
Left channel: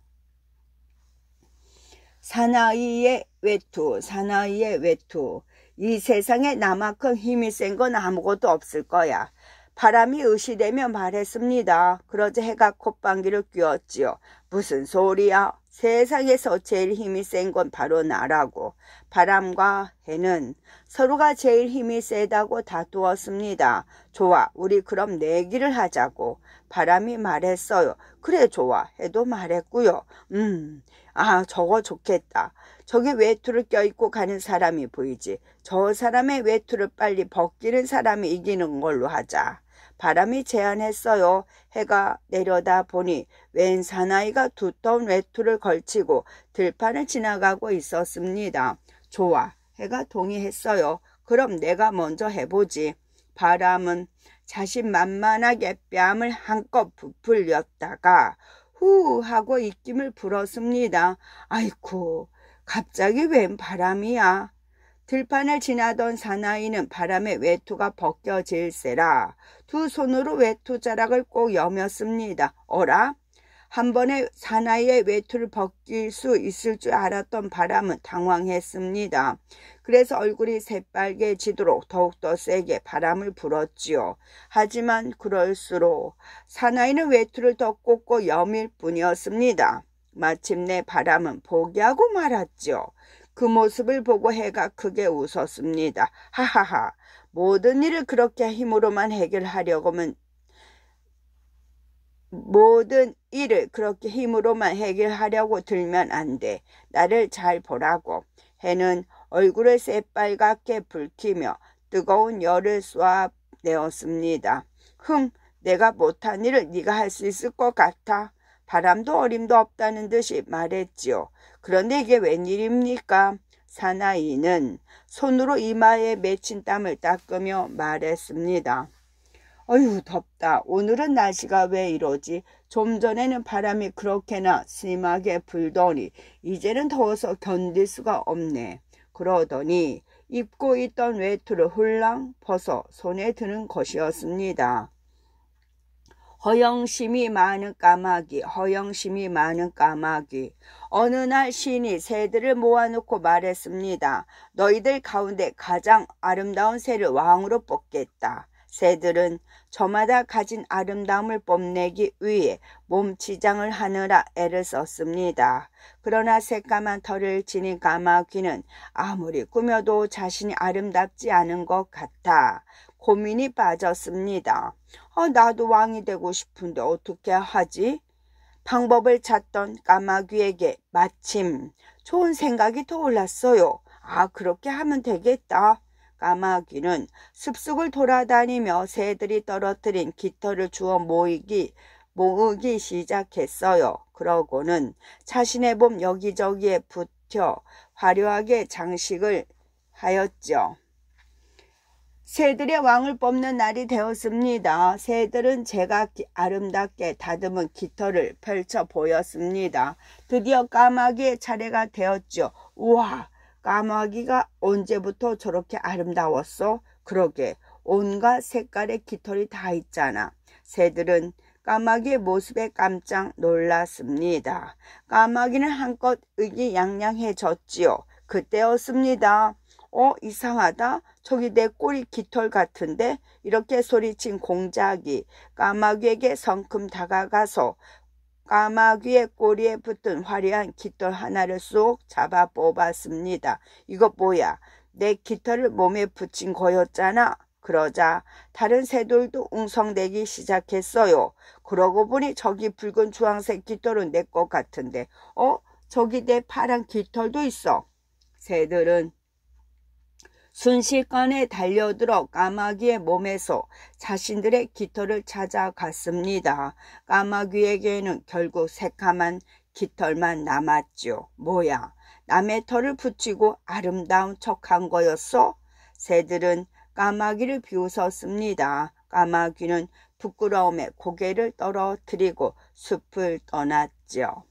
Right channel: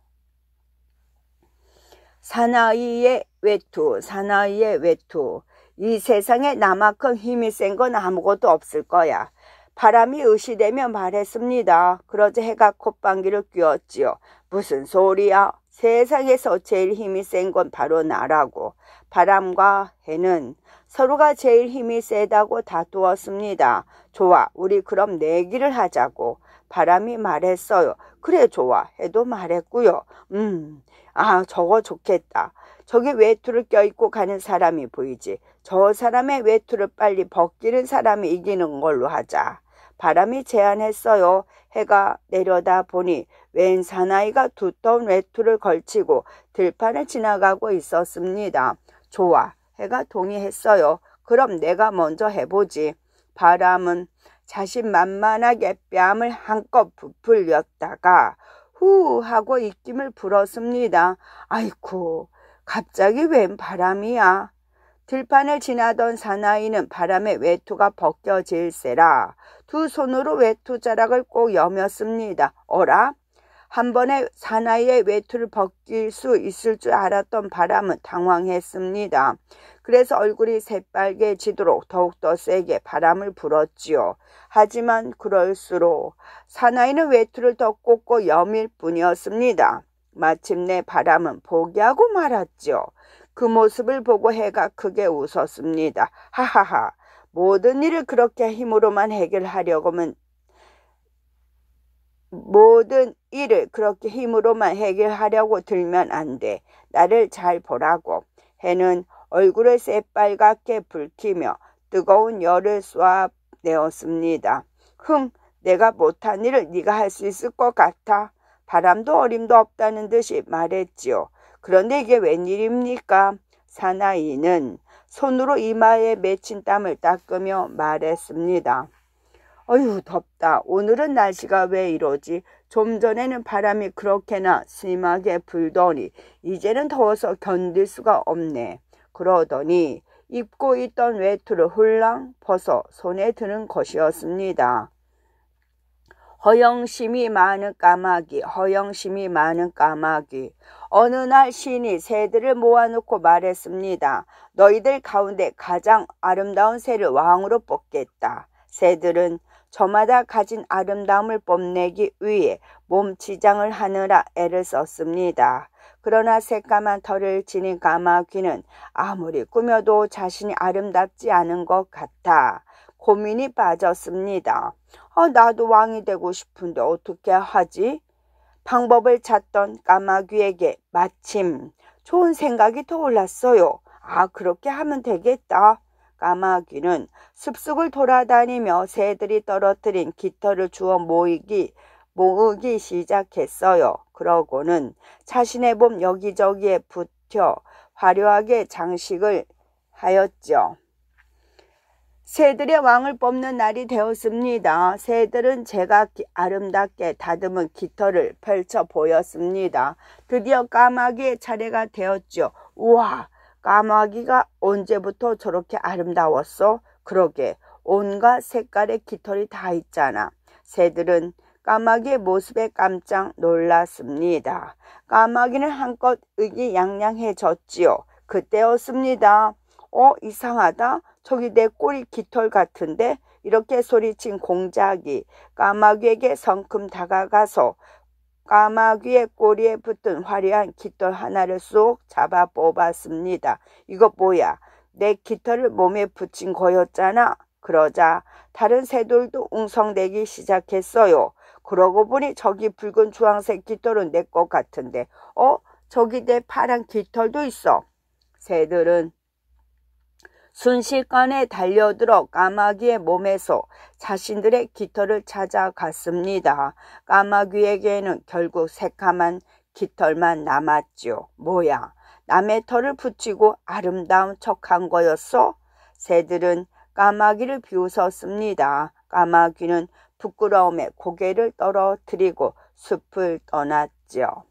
사나이의 외투, 사나이의 외투. 이 세상에 나만큼 힘이 센 건 아무것도 없을 거야. 바람이 의시되며 말했습니다. 그러자 해가 콧방귀를 뀌었지요. 무슨 소리야? 세상에서 제일 힘이 센 건 바로 나라고. 바람과 해는 서로가 제일 힘이 세다고 다투었습니다. 좋아, 우리 그럼 내기를 하자고 바람이 말했어요. 그래, 좋아 해도 말했고요. 저거 좋겠다. 저기 외투를 껴입고 가는 사람이 보이지. 저 사람의 외투를 빨리 벗기는 사람이 이기는 걸로 하자. 바람이 제안했어요. 해가 내려다 보니 웬 사나이가 두터운 외투를 걸치고 들판을 지나가고 있었습니다. 좋아, 해가 동의했어요. 그럼 내가 먼저 해보지. 바람은 자신만만하게 뺨을 한껏 부풀렸다가 후 하고 입김을 불었습니다. 아이쿠, 갑자기 웬 바람이야. 들판을 지나던 사나이는 바람에 외투가 벗겨질세라 두 손으로 외투자락을 꼭 여몄습니다. 어라? 한 번에 사나이의 외투를 벗길 수 있을 줄 알았던 바람은 당황했습니다. 그래서 얼굴이 새빨개지도록 더욱더 세게 바람을 불었지요. 하지만 그럴수록 사나이는 외투를 더 꽂고 여밀 뿐이었습니다. 마침내 바람은 포기하고 말았지요. 그 모습을 보고 해가 크게 웃었습니다. 하하하, 모든 일을 그렇게 힘으로만 해결하려면 모든 일을 그렇게 힘으로만 해결하려고 들면 안 돼. 나를 잘 보라고. 해는 얼굴을 새빨갛게 붉히며 뜨거운 열을 쏘아내었습니다. 내가 못한 일을 네가 할 수 있을 것 같아. 바람도 어림도 없다는 듯이 말했지요. 그런데 이게 웬일입니까? 사나이는 손으로 이마에 맺힌 땀을 닦으며 말했습니다. 어휴, 덥다. 오늘은 날씨가 왜 이러지? 좀 전에는 바람이 그렇게나 심하게 불더니 이제는 더워서 견딜 수가 없네. 그러더니 입고 있던 외투를 훌랑 벗어 손에 드는 것이었습니다. 허영심이 많은 까마귀, 허영심이 많은 까마귀. 어느 날 신이 새들을 모아놓고 말했습니다. 너희들 가운데 가장 아름다운 새를 왕으로 뽑겠다. 새들은 저마다 가진 아름다움을 뽐내기 위해 몸치장을 하느라 애를 썼습니다. 그러나 새까만 털을 지닌 까마귀는 아무리 꾸며도 자신이 아름답지 않은 것 같아 고민이 빠졌습니다. 나도 왕이 되고 싶은데 어떻게 하지? 방법을 찾던 까마귀에게 마침 좋은 생각이 떠올랐어요. 그렇게 하면 되겠다. 까마귀는 숲속을 돌아다니며 새들이 떨어뜨린 깃털을 주워 모으기 시작했어요. 그러고는 자신의 몸 여기저기에 붙여 화려하게 장식을 하였죠. 새들의 왕을 뽑는 날이 되었습니다. 새들은 제가 아름답게 다듬은 깃털을 펼쳐 보였습니다. 드디어 까마귀의 차례가 되었죠. 우와, 까마귀가 언제부터 저렇게 아름다웠어? 그러게, 온갖 색깔의 깃털이 다 있잖아. 새들은 까마귀의 모습에 깜짝 놀랐습니다. 까마귀는 한껏 의기양양해졌지요. 그때였습니다. 이상하다. 저기 내 꼬리 깃털 같은데? 이렇게 소리친 공작이 까마귀에게 성큼 다가가서 까마귀의 꼬리에 붙은 화려한 깃털 하나를 쏙 잡아 뽑았습니다. 이거 뭐야? 내 깃털을 몸에 붙인 거였잖아. 그러자 다른 새들도 웅성대기 시작했어요. 그러고 보니 저기 붉은 주황색 깃털은 내 것 같은데 저기 내 파란 깃털도 있어. 새들은 순식간에 달려들어 까마귀의 몸에서 자신들의 깃털을 찾아갔습니다. 까마귀에게는 결국 새까만 깃털만 남았죠. 뭐야, 남의 털을 붙이고 아름다운 척한 거였어? 새들은 까마귀를 비웃었습니다. 까마귀는 부끄러움에 고개를 떨어뜨리고 숲을 떠났죠.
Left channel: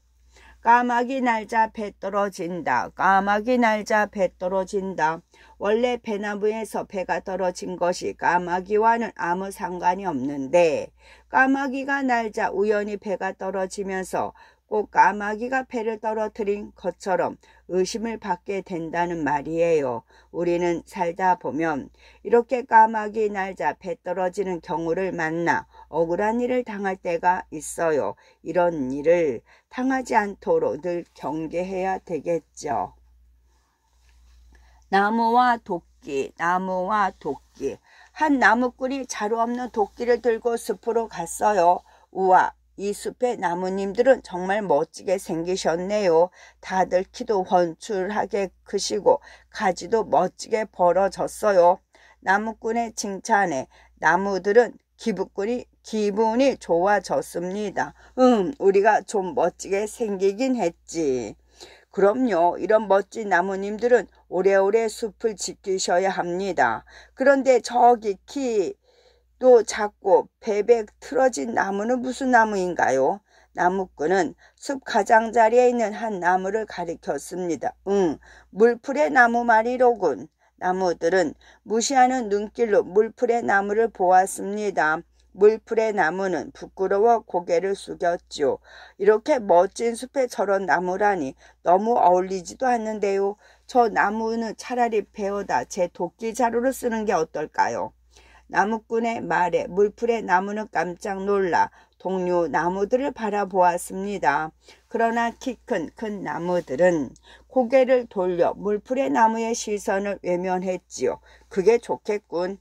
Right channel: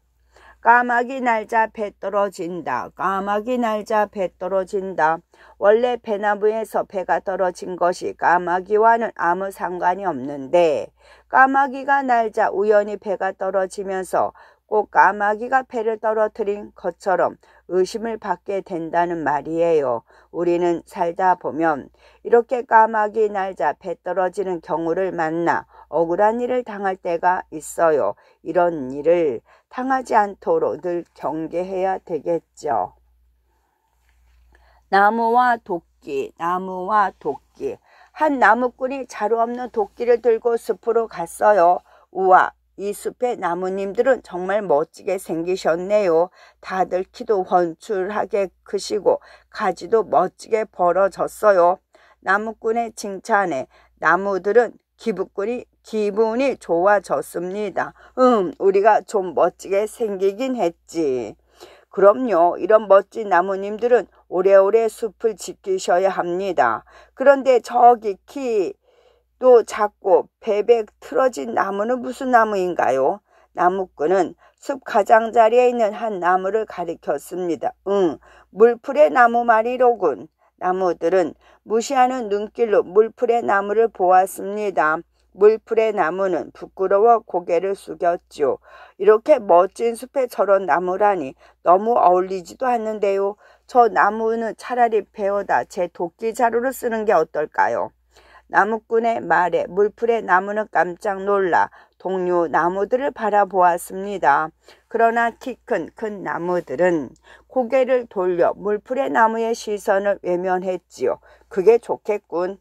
까마귀 날자 배 떨어진다. 까마귀 날자 배 떨어진다. 원래 배나무에서 배가 떨어진 것이 까마귀와는 아무 상관이 없는데 까마귀가 날자 우연히 배가 떨어지면서 꼭 까마귀가 배를 떨어뜨린 것처럼 의심을 받게 된다는 말이에요. 우리는 살다 보면 이렇게 까마귀 날자 배 떨어지는 경우를 만나 억울한 일을 당할 때가 있어요. 이런 일을 당하지 않도록 늘 경계해야 되겠죠. 나무와 도끼, 나무와 도끼. 한 나무꾼이 자루 없는 도끼를 들고 숲으로 갔어요. 우와, 이 숲의 나무님들은 정말 멋지게 생기셨네요. 다들 키도 훤출하게 크시고 가지도 멋지게 벌어졌어요. 나무꾼의 칭찬에 나무들은 기분이 좋아졌습니다. 우리가 좀 멋지게 생기긴 했지. 그럼요. 이런 멋진 나무님들은 오래오래 숲을 지키셔야 합니다. 그런데 저기 키도 작고 베베 틀어진 나무는 무슨 나무인가요? 나무꾼은 숲 가장자리에 있는 한 나무를 가리켰습니다. 물풀의 나무 말이로군. 나무들은 무시하는 눈길로 물풀의 나무를 보았습니다. 물풀의 나무는 부끄러워 고개를 숙였죠. 이렇게 멋진 숲에 저런 나무라니 너무 어울리지도 않는데요. 저 나무는 차라리 베어다 제 도끼 자루를 쓰는 게 어떨까요? 나무꾼의 말에 물풀의 나무는 깜짝 놀라 동료 나무들을 바라보았습니다. 그러나 키 큰 나무들은 고개를 돌려 물풀의 나무의 시선을 외면했지요. 그게 좋겠군.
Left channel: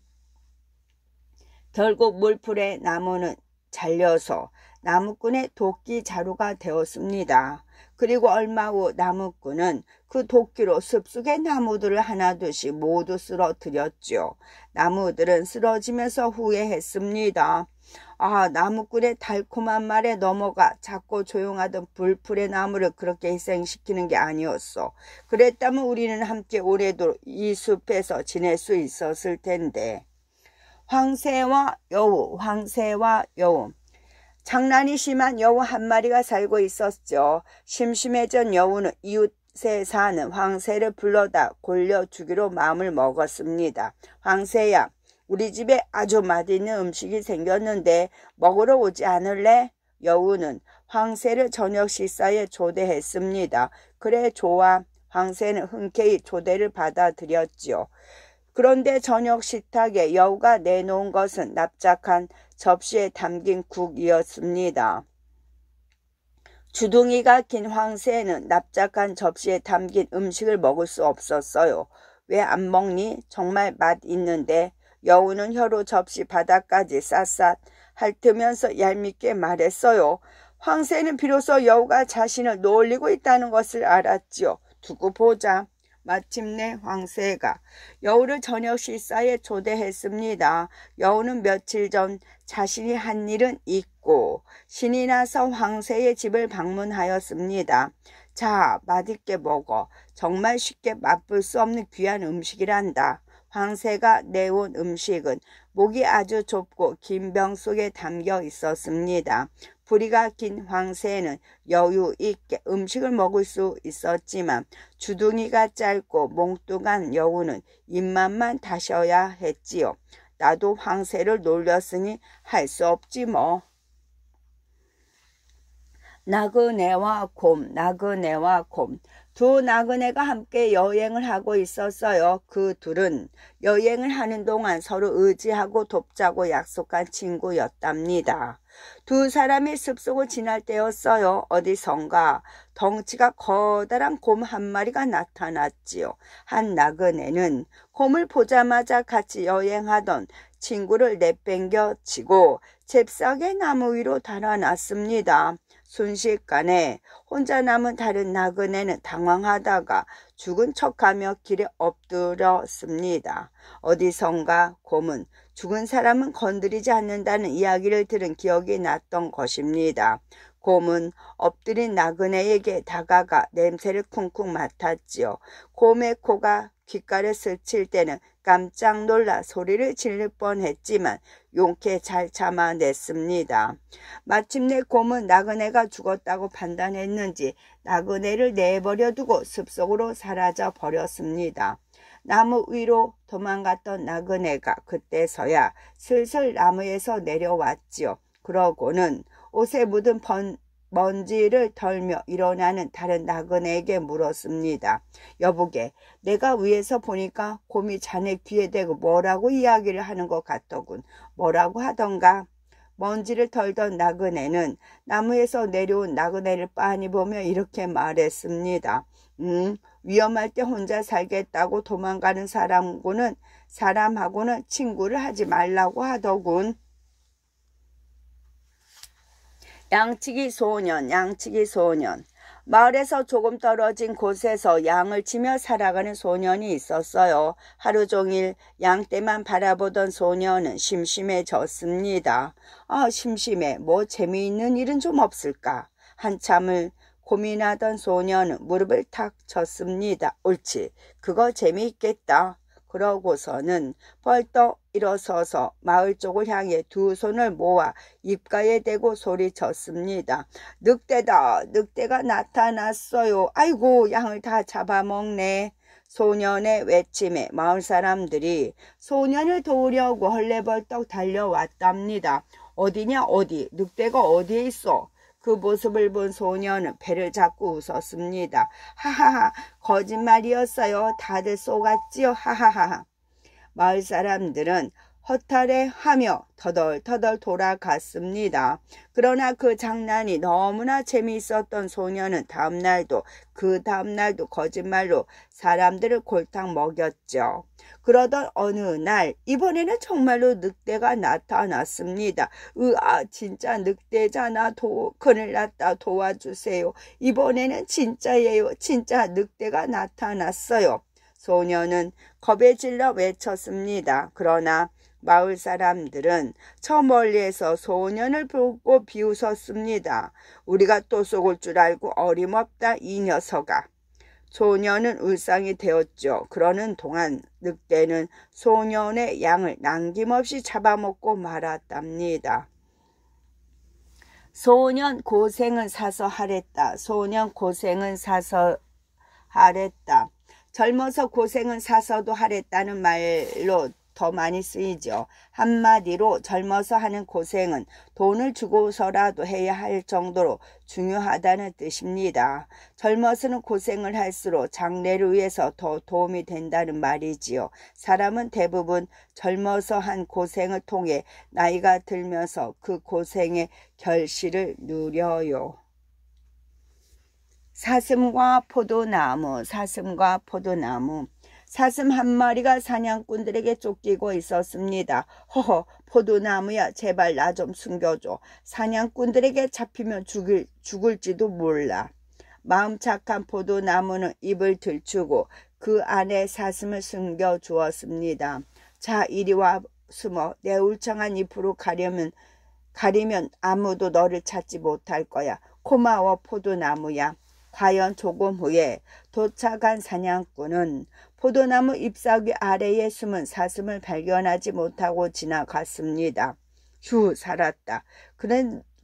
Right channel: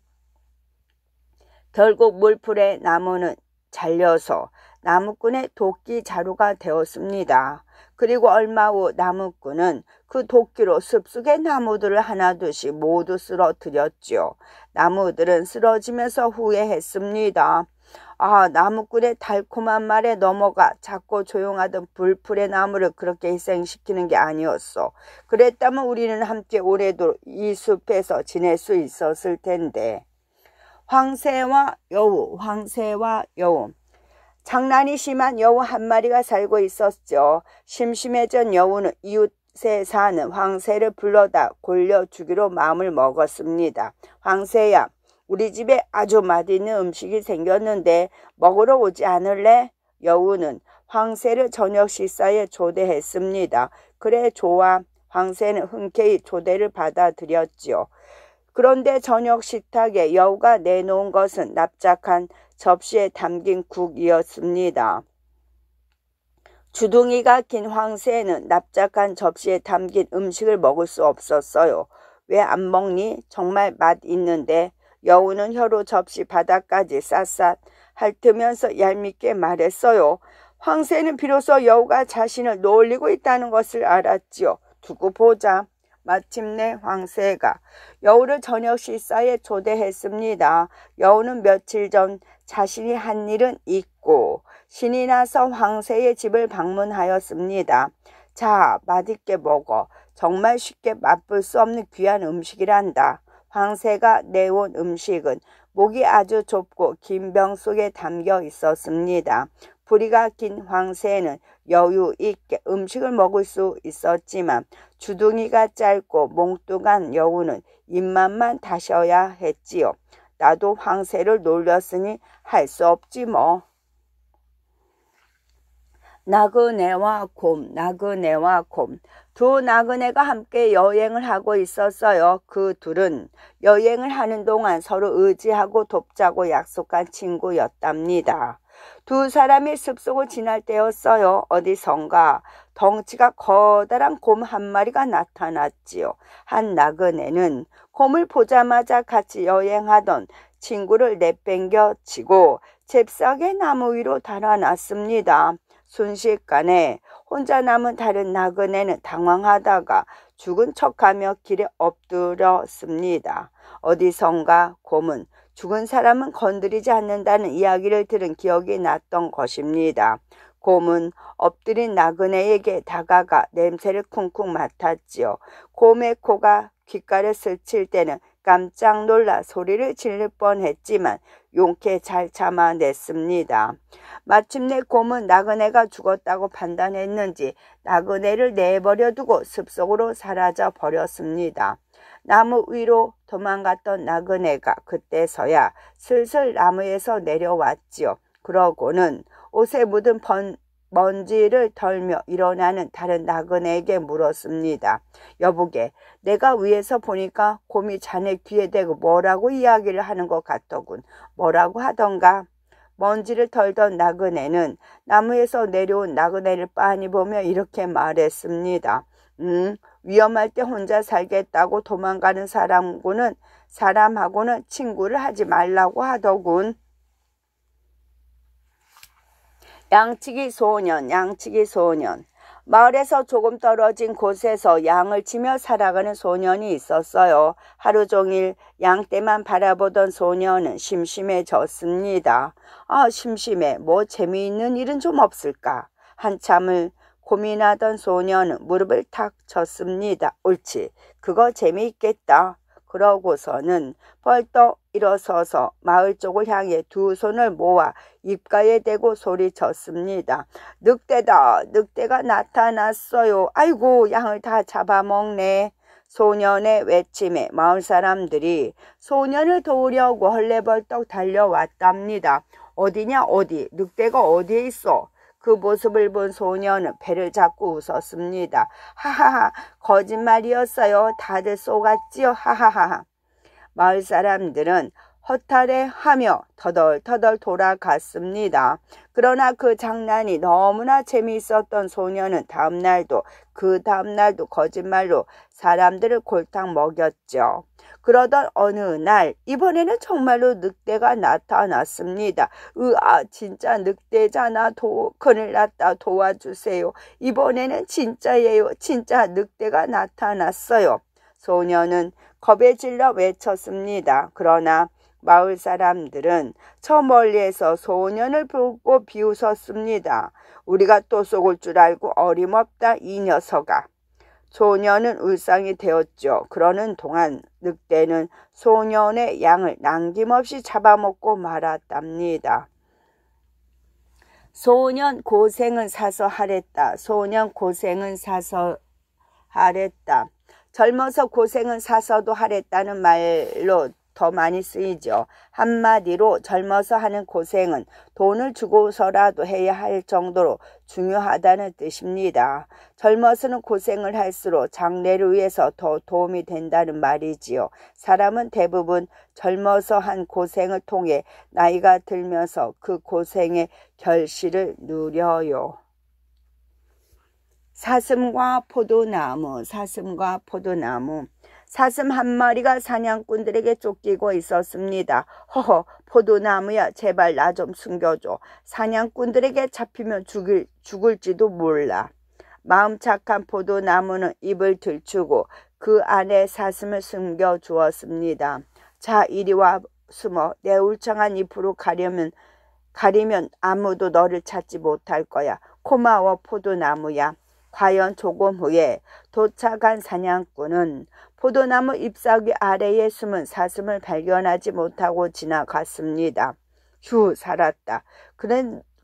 결국 물풀의 나무는 잘려서 나무꾼의 도끼 자루가 되었습니다. 그리고 얼마 후 나무꾼은 그 도끼로 숲속의 나무들을 하나둘씩 모두 쓰러뜨렸죠. 나무들은 쓰러지면서 후회했습니다. 나무꾼의 달콤한 말에 넘어가 작고 조용하던 물풀의 나무를 그렇게 희생시키는 게 아니었어. 그랬다면 우리는 함께 오래도록 이 숲에서 지낼 수 있었을 텐데. 황새와 여우. 장난이 심한 여우 한 마리가 살고 있었죠. 심심해진 여우는 이웃에 사는 황새를 불러다 골려주기로 마음을 먹었습니다. 황새야, 우리 집에 아주 맛있는 음식이 생겼는데 먹으러 오지 않을래? 여우는 황새를 저녁 식사에 초대했습니다. 그래, 좋아. 황새는 흔쾌히 초대를 받아들였지요. 그런데 저녁 식탁에 여우가 내놓은 것은 납작한 접시에 담긴 국이었습니다. 주둥이가 긴 황새는 납작한 접시에 담긴 음식을 먹을 수 없었어요. 왜 안 먹니? 정말 맛 있는데. 여우는 혀로 접시 바닥까지 샅샅 핥으면서 얄밉게 말했어요. 황새는 비로소 여우가 자신을 놀리고 있다는 것을 알았지요. 두고 보자. 마침내 황새가 여우를 저녁 식사에 초대했습니다. 여우는 며칠 전 자신이 한 일은 잊고 신이 나서 황새의 집을 방문하였습니다. 자, 맛있게 먹어. 정말 쉽게 맛볼 수 없는 귀한 음식이란다. 황새가 내온 음식은 목이 아주 좁고 긴 병 속에 담겨 있었습니다. 부리가 긴 황새는 여유 있게 음식을 먹을 수 있었지만 주둥이가 짧고 몽뚱한 여우는 입맛만 다셔야 했지요. 나도 황새를 놀렸으니 할 수 없지 뭐. 나그네와 곰. 두 나그네가 함께 여행을 하고 있었어요. 그 둘은 여행을 하는 동안 서로 의지하고 돕자고 약속한 친구였답니다. 두 사람이 숲속을 지날 때였어요. 어디선가 덩치가 커다란 곰 한 마리가 나타났지요. 한 나그네는 곰을 보자마자 같이 여행하던 친구를 내팽겨 치고 잽싸게 나무 위로 달아났습니다. 순식간에 혼자 남은 다른 나그네는 당황하다가 죽은 척하며 길에 엎드렸습니다. 어디선가 곰은 죽은 사람은 건드리지 않는다는 이야기를 들은 기억이 났던 것입니다. 곰은 엎드린 나그네에게 다가가 냄새를 쿵쿵 맡았지요. 곰의 코가 귓가를 스칠 때는 깜짝 놀라 소리를 지를 뻔했지만 용케 잘 참아냈습니다. 마침내 곰은 나그네가 죽었다고 판단했는지 나그네를 내버려 두고 숲속으로 사라져 버렸습니다. 나무 위로 도망갔던 나그네가 그때서야 슬슬 나무에서 내려왔지요. 그러고는 옷에 묻은 먼지를 덜며 일어나는 다른 나그네에게 물었습니다. 여보게, 내가 위에서 보니까 곰이 자네 귀에 대고 뭐라고 이야기를 하는 것 같더군. 뭐라고 하던가? 먼지를 덜던 나그네는 나무에서 내려온 나그네를 빤히 보며 이렇게 말했습니다. 위험할 때 혼자 살겠다고 도망가는 사람하고는 친구를 하지 말라고 하더군. 양치기 소년. 마을에서 조금 떨어진 곳에서 양을 치며 살아가는 소년이 있었어요. 하루 종일 양떼만 바라보던 소년은 심심해졌습니다. 심심해. 뭐 재미있는 일은 좀 없을까? 한참을 고민하던 소년은 무릎을 탁 쳤습니다. 옳지. 그거 재미있겠다. 그러고서는 벌떡 일어서서 마을 쪽을 향해 두 손을 모아 입가에 대고 소리쳤습니다. 늑대다. 늑대가 나타났어요. 아이고, 양을 다 잡아먹네. 소년의 외침에 마을 사람들이 소년을 도우려고 헐레벌떡 달려왔답니다. 어디냐 어디. 늑대가 어디에 있어? 그 모습을 본 소년은 배를 잡고 웃었습니다. 하하하, 거짓말이었어요. 다들 속았지요. 하하하. 마을 사람들은 허탈해하며 터덜터덜 돌아갔습니다. 그러나 그 장난이 너무나 재미있었던 소년은 그 다음날도 거짓말로 사람들을 골탕 먹였죠. 그러던 어느 날 이번에는 정말로 늑대가 나타났습니다. 진짜 늑대잖아. 큰일 났다. 도와주세요. 이번에는 진짜예요. 진짜 늑대가 나타났어요. 소년은 겁에 질러 외쳤습니다. 그러나 마을 사람들은 저 멀리에서 소년을 보고 비웃었습니다. 우리가 또 속을 줄 알고 어림없다 이 녀석아. 소년은 울상이 되었죠. 그러는 동안 늑대는 소년의 양을 남김없이 잡아먹고 말았답니다. 소년 고생은 사서 하랬다. 젊어서 고생은 사서도 하랬다는 말로 더 많이 쓰이죠. 한마디로 젊어서 하는 고생은 돈을 주고서라도 해야 할 정도로 중요하다는 뜻입니다. 젊어서는 고생을 할수록 장래를 위해서 더 도움이 된다는 말이지요. 사람은 대부분 젊어서 한 고생을 통해 나이가 들면서 그 고생의 결실을 누려요. 사슴과 포도나무. 사슴 한 마리가 사냥꾼들에게 쫓기고 있었습니다. 허허, 포도나무야, 제발 나 좀 숨겨줘. 사냥꾼들에게 잡히면 죽을지도 몰라. 마음 착한 포도나무는 입을 들추고 그 안에 사슴을 숨겨주었습니다. 자, 이리 와 숨어. 내 울창한 잎으로 가리면 아무도 너를 찾지 못할 거야. 고마워, 포도나무야. 과연 조금 후에 도착한 사냥꾼은 포도나무 잎사귀 아래에 숨은 사슴을 발견하지 못하고 지나갔습니다. 휴, 살았다.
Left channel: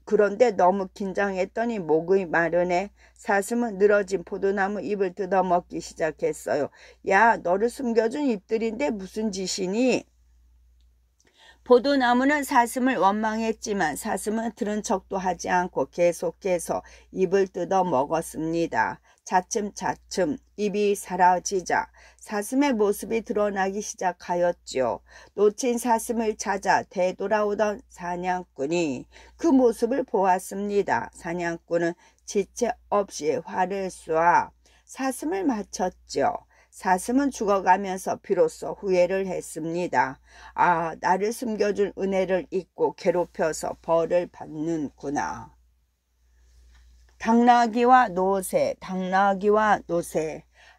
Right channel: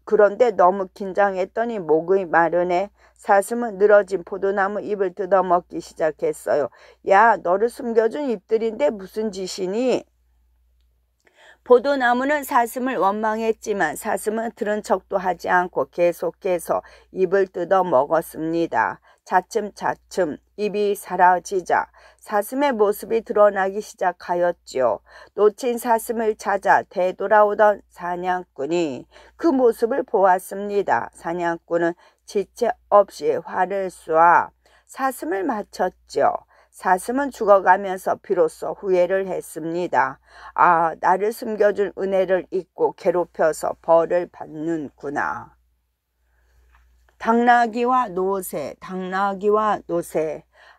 그런데 너무 긴장했더니 목이 마르네. 사슴은 늘어진 포도나무 잎을 뜯어먹기 시작했어요. 야, 너를 숨겨준 잎들인데 무슨 짓이니? 포도나무는 사슴을 원망했지만 사슴은 들은 척도 하지 않고 계속해서 잎을 뜯어 먹었습니다. 차츰차츰 잎이 사라지자 사슴의 모습이 드러나기 시작하였지요. 놓친 사슴을 찾아 되돌아오던 사냥꾼이 그 모습을 보았습니다. 사냥꾼은 지체 없이 활을 쏘아 사슴을 맞췄죠. 사슴은 죽어가면서 비로소 후회를 했습니다. 나를 숨겨준 은혜를 잊고 괴롭혀서 벌을 받는구나. 당나귀와 노새.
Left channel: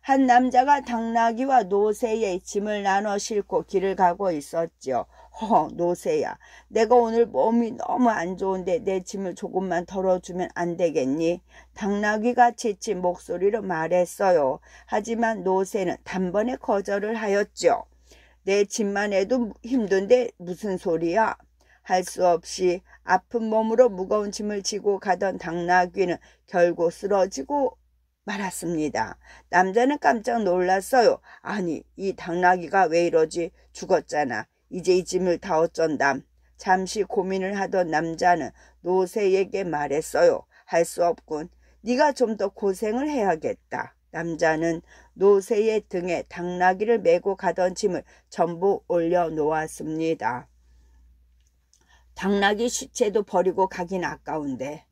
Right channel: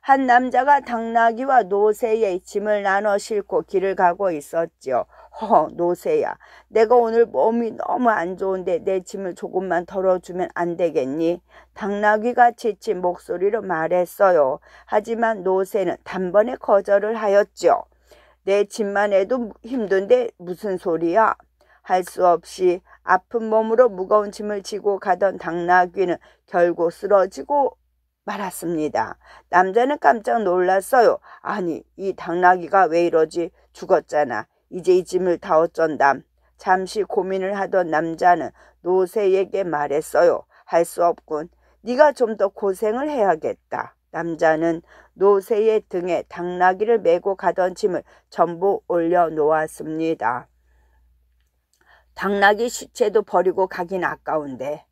한 남자가 당나귀와 노새의 짐을 나눠 싣고 길을 가고 있었지요. 허허, 노새야, 내가 오늘 몸이 너무 안 좋은데 내 짐을 조금만 덜어주면 안 되겠니? 당나귀가 지친 목소리로 말했어요. 하지만 노새는 단번에 거절을 하였죠. 내 짐만 해도 힘든데 무슨 소리야? 할 수 없이 아픈 몸으로 무거운 짐을 지고 가던 당나귀는 결국 쓰러지고 말았습니다. 남자는 깜짝 놀랐어요. 아니, 이 당나귀가 왜 이러지? 죽었잖아. 이제 이 짐을 다 어쩐담. 잠시 고민을 하던 남자는 노새에게 말했어요. 할 수 없군. 네가 좀 더 고생을 해야겠다. 남자는 노새의 등에 당나귀를 메고 가던 짐을 전부 올려놓았습니다. 당나귀 시체도 버리고 가긴 아까운데.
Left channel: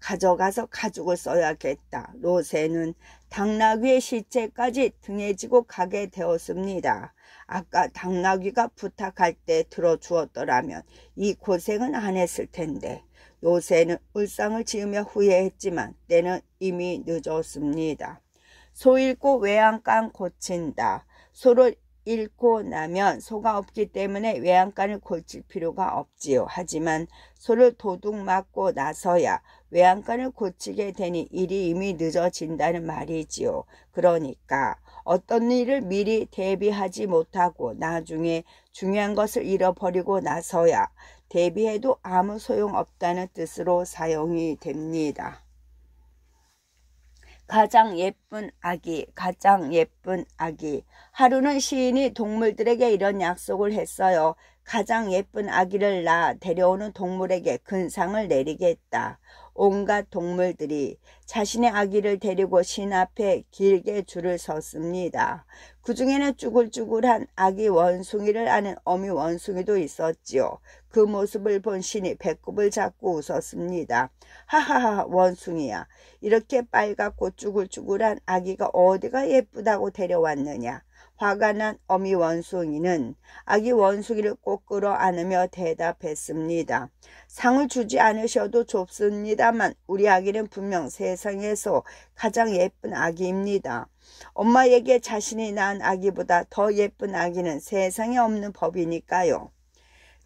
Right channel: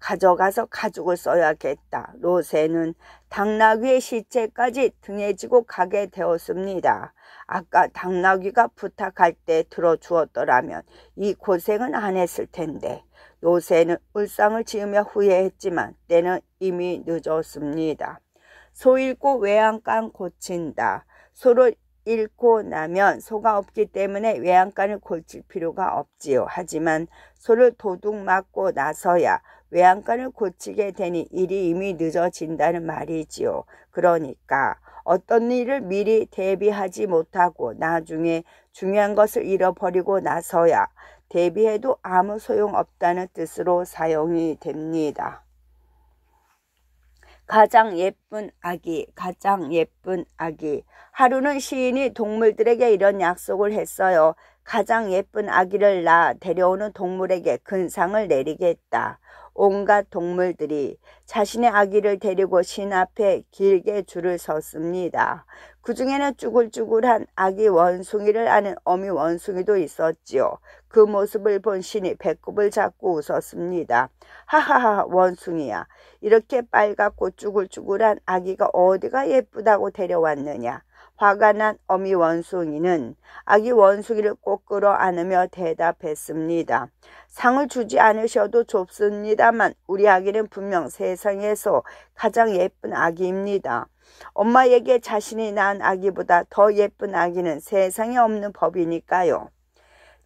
가져가서 가죽을 써야겠다. 로새는 당나귀의 시체까지 등에 지고 가게 되었습니다. 아까 당나귀가 부탁할 때 들어주었더라면 이 고생은 안 했을 텐데. 로새는 울상을 지으며 후회했지만 때는 이미 늦었습니다. 소 잃고 외양간 고친다. 소를 잃고 나면 소가 없기 때문에 외양간을 고칠 필요가 없지요. 하지만 소를 도둑 맞고 나서야 외양간을 고치게 되니 일이 이미 늦어진다는 말이지요. 그러니까 어떤 일을 미리 대비하지 못하고 나중에 중요한 것을 잃어버리고 나서야 대비해도 아무 소용없다는 뜻으로 사용이 됩니다. 가장 예쁜 아기, 가장 예쁜 아기. 하루는 시인이 동물들에게 이런 약속을 했어요. 가장 예쁜 아기를 낳아 데려오는 동물에게 큰 상을 내리겠다. 온갖 동물들이 자신의 아기를 데리고 신 앞에 길게 줄을 섰습니다. 그 중에는 쭈글쭈글한 아기 원숭이를 아는 어미 원숭이도 있었지요. 그 모습을 본 신이 배꼽을 잡고 웃었습니다. 하하하, 원숭이야. 이렇게 빨갛고 쭈글쭈글한 아기가 어디가 예쁘다고 데려왔느냐. 화가 난 어미 원숭이는 아기 원숭이를 꼭 끌어안으며 대답했습니다. 상을 주지 않으셔도 좋습니다만 우리 아기는 분명 세상에서 가장 예쁜 아기입니다. 엄마에게 자신이 낳은 아기보다 더 예쁜 아기는 세상에 없는 법이니까요.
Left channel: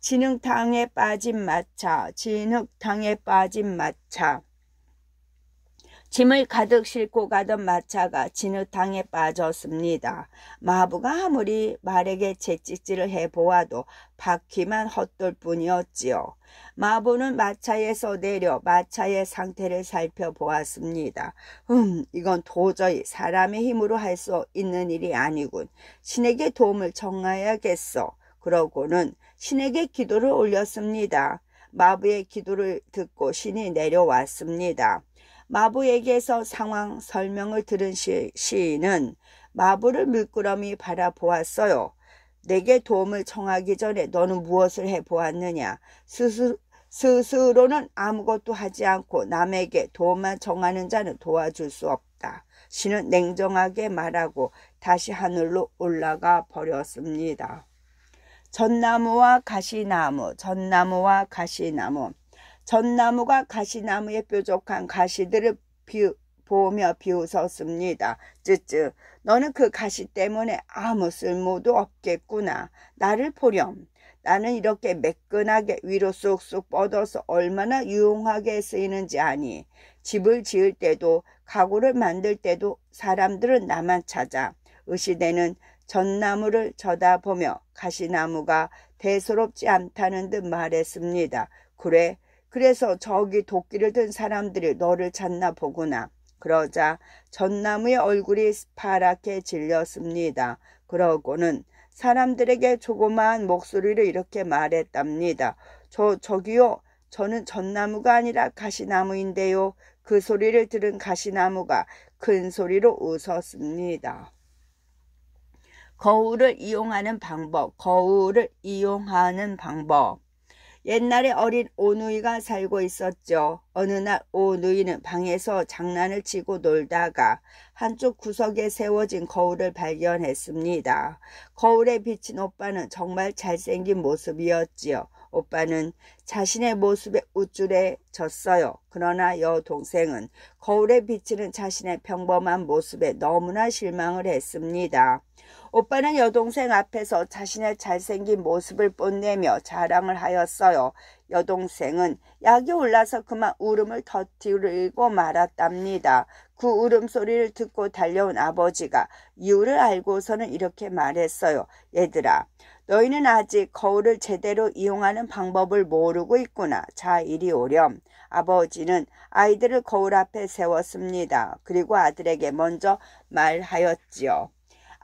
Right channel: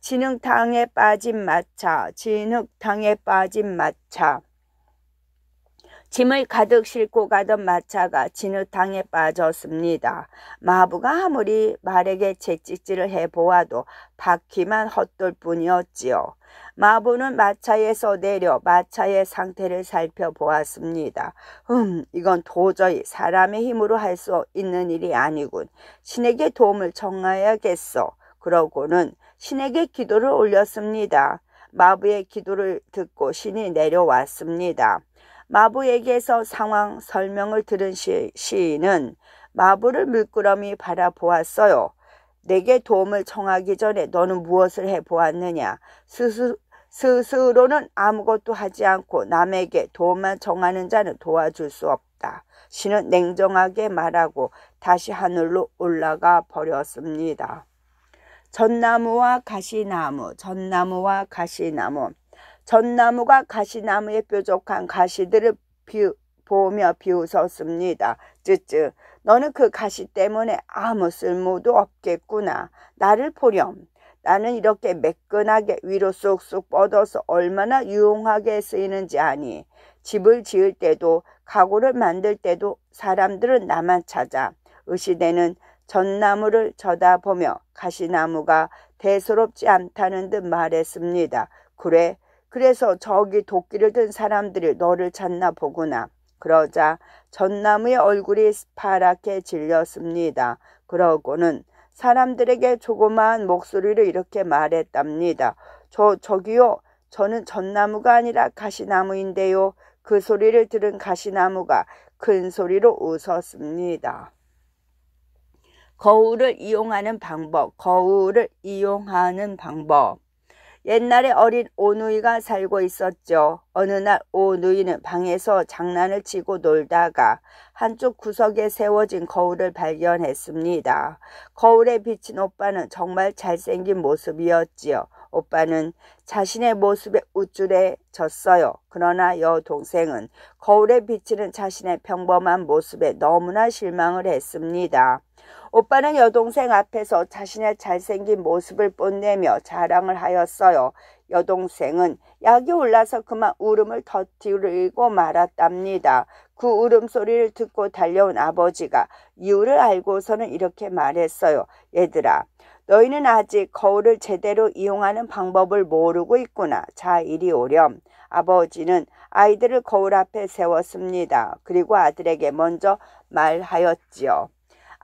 진흙탕에 빠진 마차, 진흙탕에 빠진 마차. 짐을 가득 싣고 가던 마차가 진흙탕에 빠졌습니다. 마부가 아무리 말에게 채찍질을 해보아도 바퀴만 헛돌 뿐이었지요. 마부는 마차에서 내려 마차의 상태를 살펴보았습니다. 이건 도저히 사람의 힘으로 할 수 있는 일이 아니군. 신에게 도움을 청하야겠어. 그러고는 신에게 기도를 올렸습니다. 마부의 기도를 듣고 신이 내려왔습니다. 마부에게서 상황 설명을 들은 시인은 마부를 물끄러미 바라보았어요. 내게 도움을 청하기 전에 너는 무엇을 해보았느냐? 스스로는 아무것도 하지 않고 남에게 도움만 청하는 자는 도와줄 수 없다. 신은 냉정하게 말하고 다시 하늘로 올라가 버렸습니다. 전나무와 가시나무, 전나무와 가시나무. 전나무가 가시나무에 뾰족한 가시들을 보며 비웃었습니다. 쯔쯔, 너는 그 가시 때문에 아무 쓸모도 없겠구나. 나를 보렴. 나는 이렇게 매끈하게 위로 쑥쑥 뻗어서 얼마나 유용하게 쓰이는지 아니. 집을 지을 때도 가구를 만들 때도 사람들은 나만 찾아. 의시대는 전나무를 쳐다보며 가시나무가 대수롭지 않다는 듯 말했습니다. 그래, 그래서 저기 도끼를 든 사람들이 너를 찾나 보구나. 그러자 전나무의 얼굴이 파랗게 질렸습니다. 그러고는 사람들에게 조그마한 목소리로 이렇게 말했답니다. 저기요, 저는 전나무가 아니라 가시나무인데요. 그 소리를 들은 가시나무가 큰 소리로 웃었습니다. 거울을 이용하는 방법, 거울을 이용하는 방법. 옛날에 어린 오누이가 살고 있었죠. 어느 날 오누이는 방에서 장난을 치고 놀다가 한쪽 구석에 세워진 거울을 발견했습니다. 거울에 비친 오빠는 정말 잘생긴 모습이었지요. 오빠는 자신의 모습에 우쭐해졌어요. 그러나 여동생은 거울에 비치는 자신의 평범한 모습에 너무나 실망을 했습니다. 오빠는 여동생 앞에서 자신의 잘생긴 모습을 뽐내며 자랑을 하였어요. 여동생은 약이 올라서 그만 울음을 터뜨리고 말았답니다. 그 울음소리를 듣고 달려온 아버지가 이유를 알고서는 이렇게 말했어요. 얘들아, 너희는 아직 거울을 제대로 이용하는 방법을 모르고 있구나. 자, 이리 오렴. 아버지는 아이들을 거울 앞에 세웠습니다. 그리고 아들에게 먼저 말하였지요.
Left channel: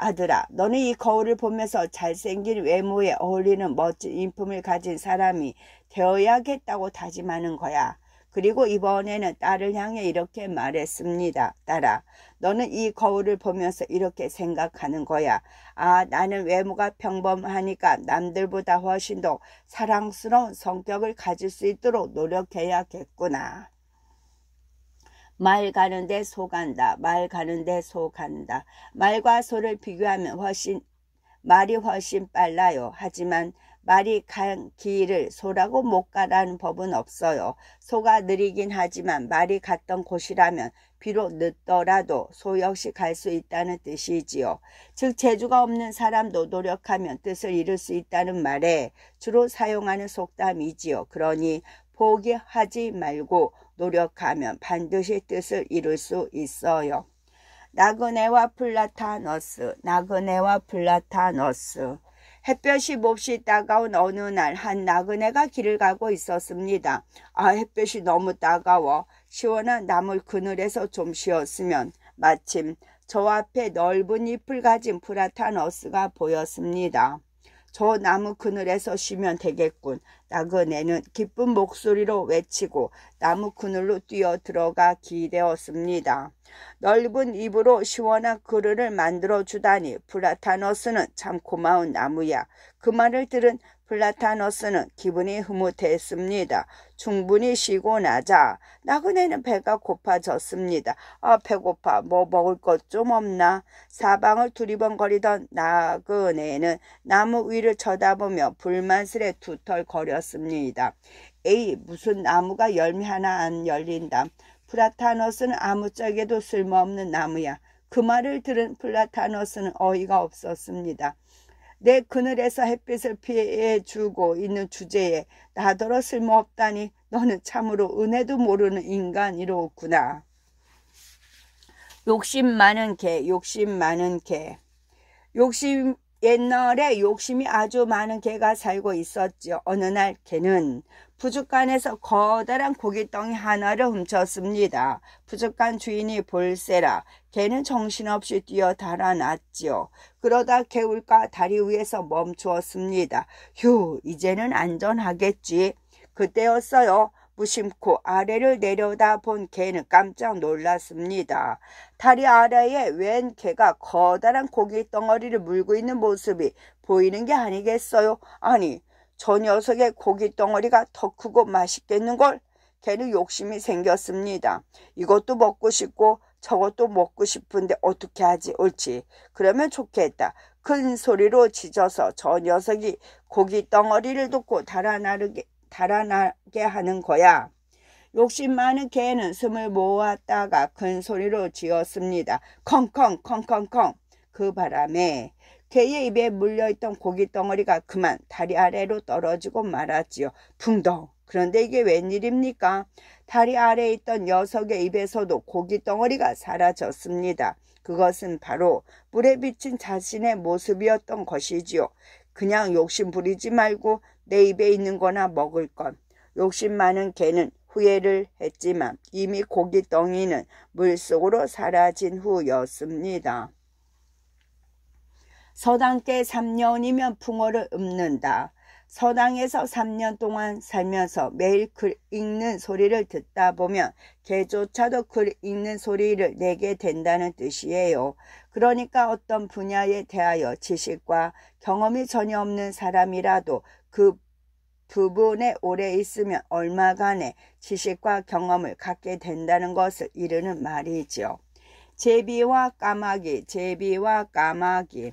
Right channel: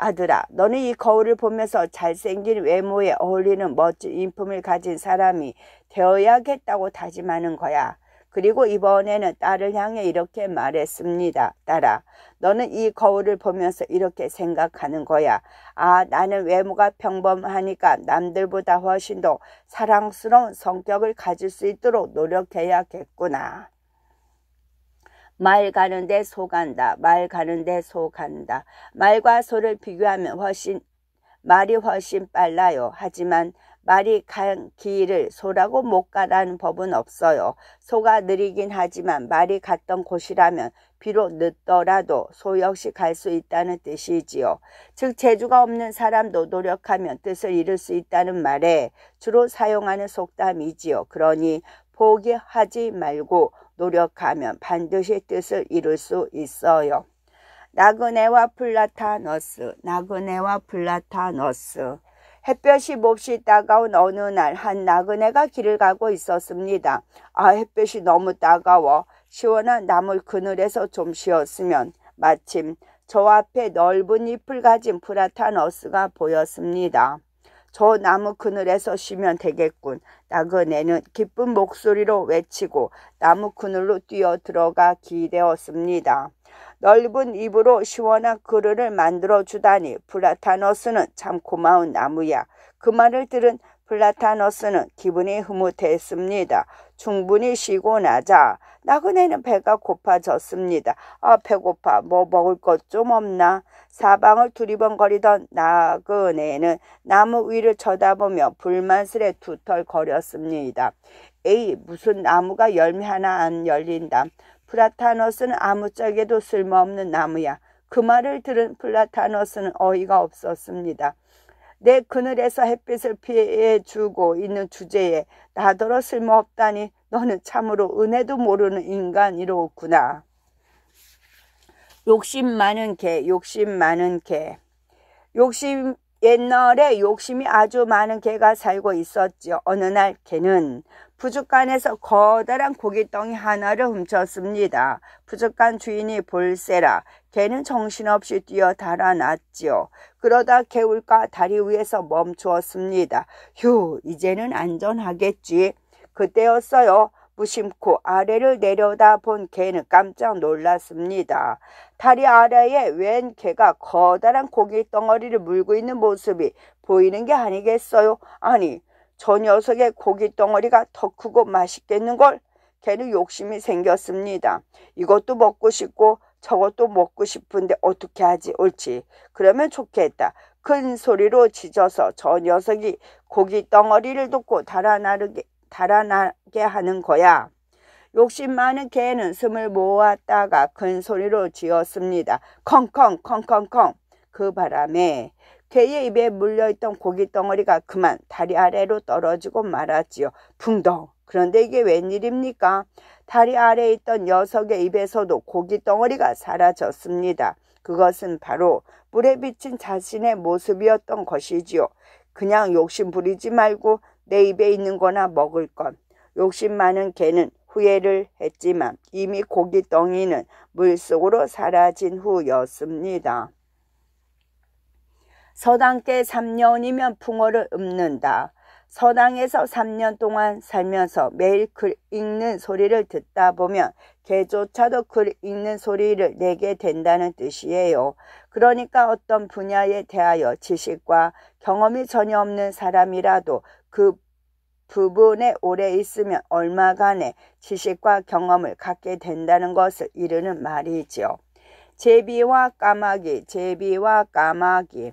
아들아, 너는 이 거울을 보면서 잘생긴 외모에 어울리는 멋진 인품을 가진 사람이 되어야겠다고 다짐하는 거야. 그리고 이번에는 딸을 향해 이렇게 말했습니다. 딸아, 너는 이 거울을 보면서 이렇게 생각하는 거야. 아, 나는 외모가 평범하니까 남들보다 훨씬 더 사랑스러운 성격을 가질 수 있도록 노력해야겠구나. 말 가는데 소 간다. 말 가는데 소 간다. 말과 소를 비교하면 말이 훨씬 빨라요. 하지만 말이 간 길을 소라고 못 가라는 법은 없어요. 소가 느리긴 하지만 말이 갔던 곳이라면 비록 늦더라도 소 역시 갈 수 있다는 뜻이지요. 즉 재주가 없는 사람도 노력하면 뜻을 이룰 수 있다는 말에 주로 사용하는 속담이지요. 그러니 포기하지 말고 노력하면 반드시 뜻을 이룰 수 있어요. 나그네와 플라타너스. 나그네와 플라타너스. 햇볕이 몹시 따가운 어느 날 한 나그네가 길을 가고 있었습니다. 햇볕이 너무 따가워. 시원한 나물 그늘에서 좀 쉬었으면. 마침 저 앞에 넓은 잎을 가진 플라타너스가 보였습니다. 저 나무 그늘에서 쉬면 되겠군. 나그네는 기쁜 목소리로 외치고 나무 그늘로 뛰어 들어가 기대었습니다. 넓은 잎으로 시원한 그늘을 만들어 주다니 플라타너스는 참 고마운 나무야. 그 말을 들은 플라타너스는 기분이 흐뭇했습니다. 충분히 쉬고 나자 나그네는 배가 고파졌습니다. 배고파. 뭐 먹을 것 좀 없나? 사방을 두리번거리던 나그네는 나무 위를 쳐다보며 불만스레 두털거렸습니다. 에이, 무슨 나무가 열매 하나 안 열린다. 플라타너스는 아무짝에도 쓸모없는 나무야. 그 말을 들은 플라타너스는 어이가 없었습니다. 내 그늘에서 햇빛을 피해주고 있는 주제에 나더러 쓸모없다니 너는 참으로 은혜도 모르는 인간이로구나. 욕심 많은 개, 욕심 많은 개. 옛날에 욕심이 아주 많은 개가 살고 있었죠. 어느 날 개는 부둣간에서 커다란 고깃덩이 하나를 훔쳤습니다. 부둣간 주인이 볼세라 개는 정신없이 뛰어 달아났지요. 그러다 개울가 다리 위에서 멈추었습니다. 휴, 이제는 안전하겠지. 그때였어요. 무심코 아래를 내려다본 개는 깜짝 놀랐습니다. 다리 아래에 웬 개가 커다란 고깃덩어리를 물고 있는 모습이 보이는 게 아니겠어요? 아니, 저 녀석의 고깃덩어리가 더 크고 맛있겠는걸? 개는 욕심이 생겼습니다. 이것도 먹고 싶고 저것도 먹고 싶은데 어떻게 하지? 옳지. 그러면 좋겠다. 큰 소리로 짖어서 저 녀석이 고깃덩어리를 듣고 달아나게 하는 거야. 욕심 많은 개는 숨을 모았다가 큰 소리로 지었습니다. 컹컹 컹컹컹. 그 바람에 개의 입에 물려있던 고깃덩어리가 그만 다리 아래로 떨어지고 말았지요. 붕덩. 그런데 이게 웬일입니까? 다리 아래에 있던 녀석의 입에서도 고깃덩어리가 사라졌습니다. 그것은 바로 물에 비친 자신의 모습이었던 것이지요. 그냥 욕심 부리지 말고 내 입에 있는 거나 먹을 것. 욕심 많은 개는 후회를 했지만 이미 고깃덩이는 물속으로 사라진 후였습니다. 서당께 3년이면 풍어를 읊는다. 서당에서 3년 동안 살면서 매일 글 읽는 소리를 듣다 보면 개조차도 글 읽는 소리를 내게 된다는 뜻이에요. 그러니까 어떤 분야에 대하여 지식과 경험이 전혀 없는 사람이라도 그 부분에 오래 있으면 얼마간의 지식과 경험을 갖게 된다는 것을 이르는 말이지요. 제비와 까마귀, 제비와 까마귀.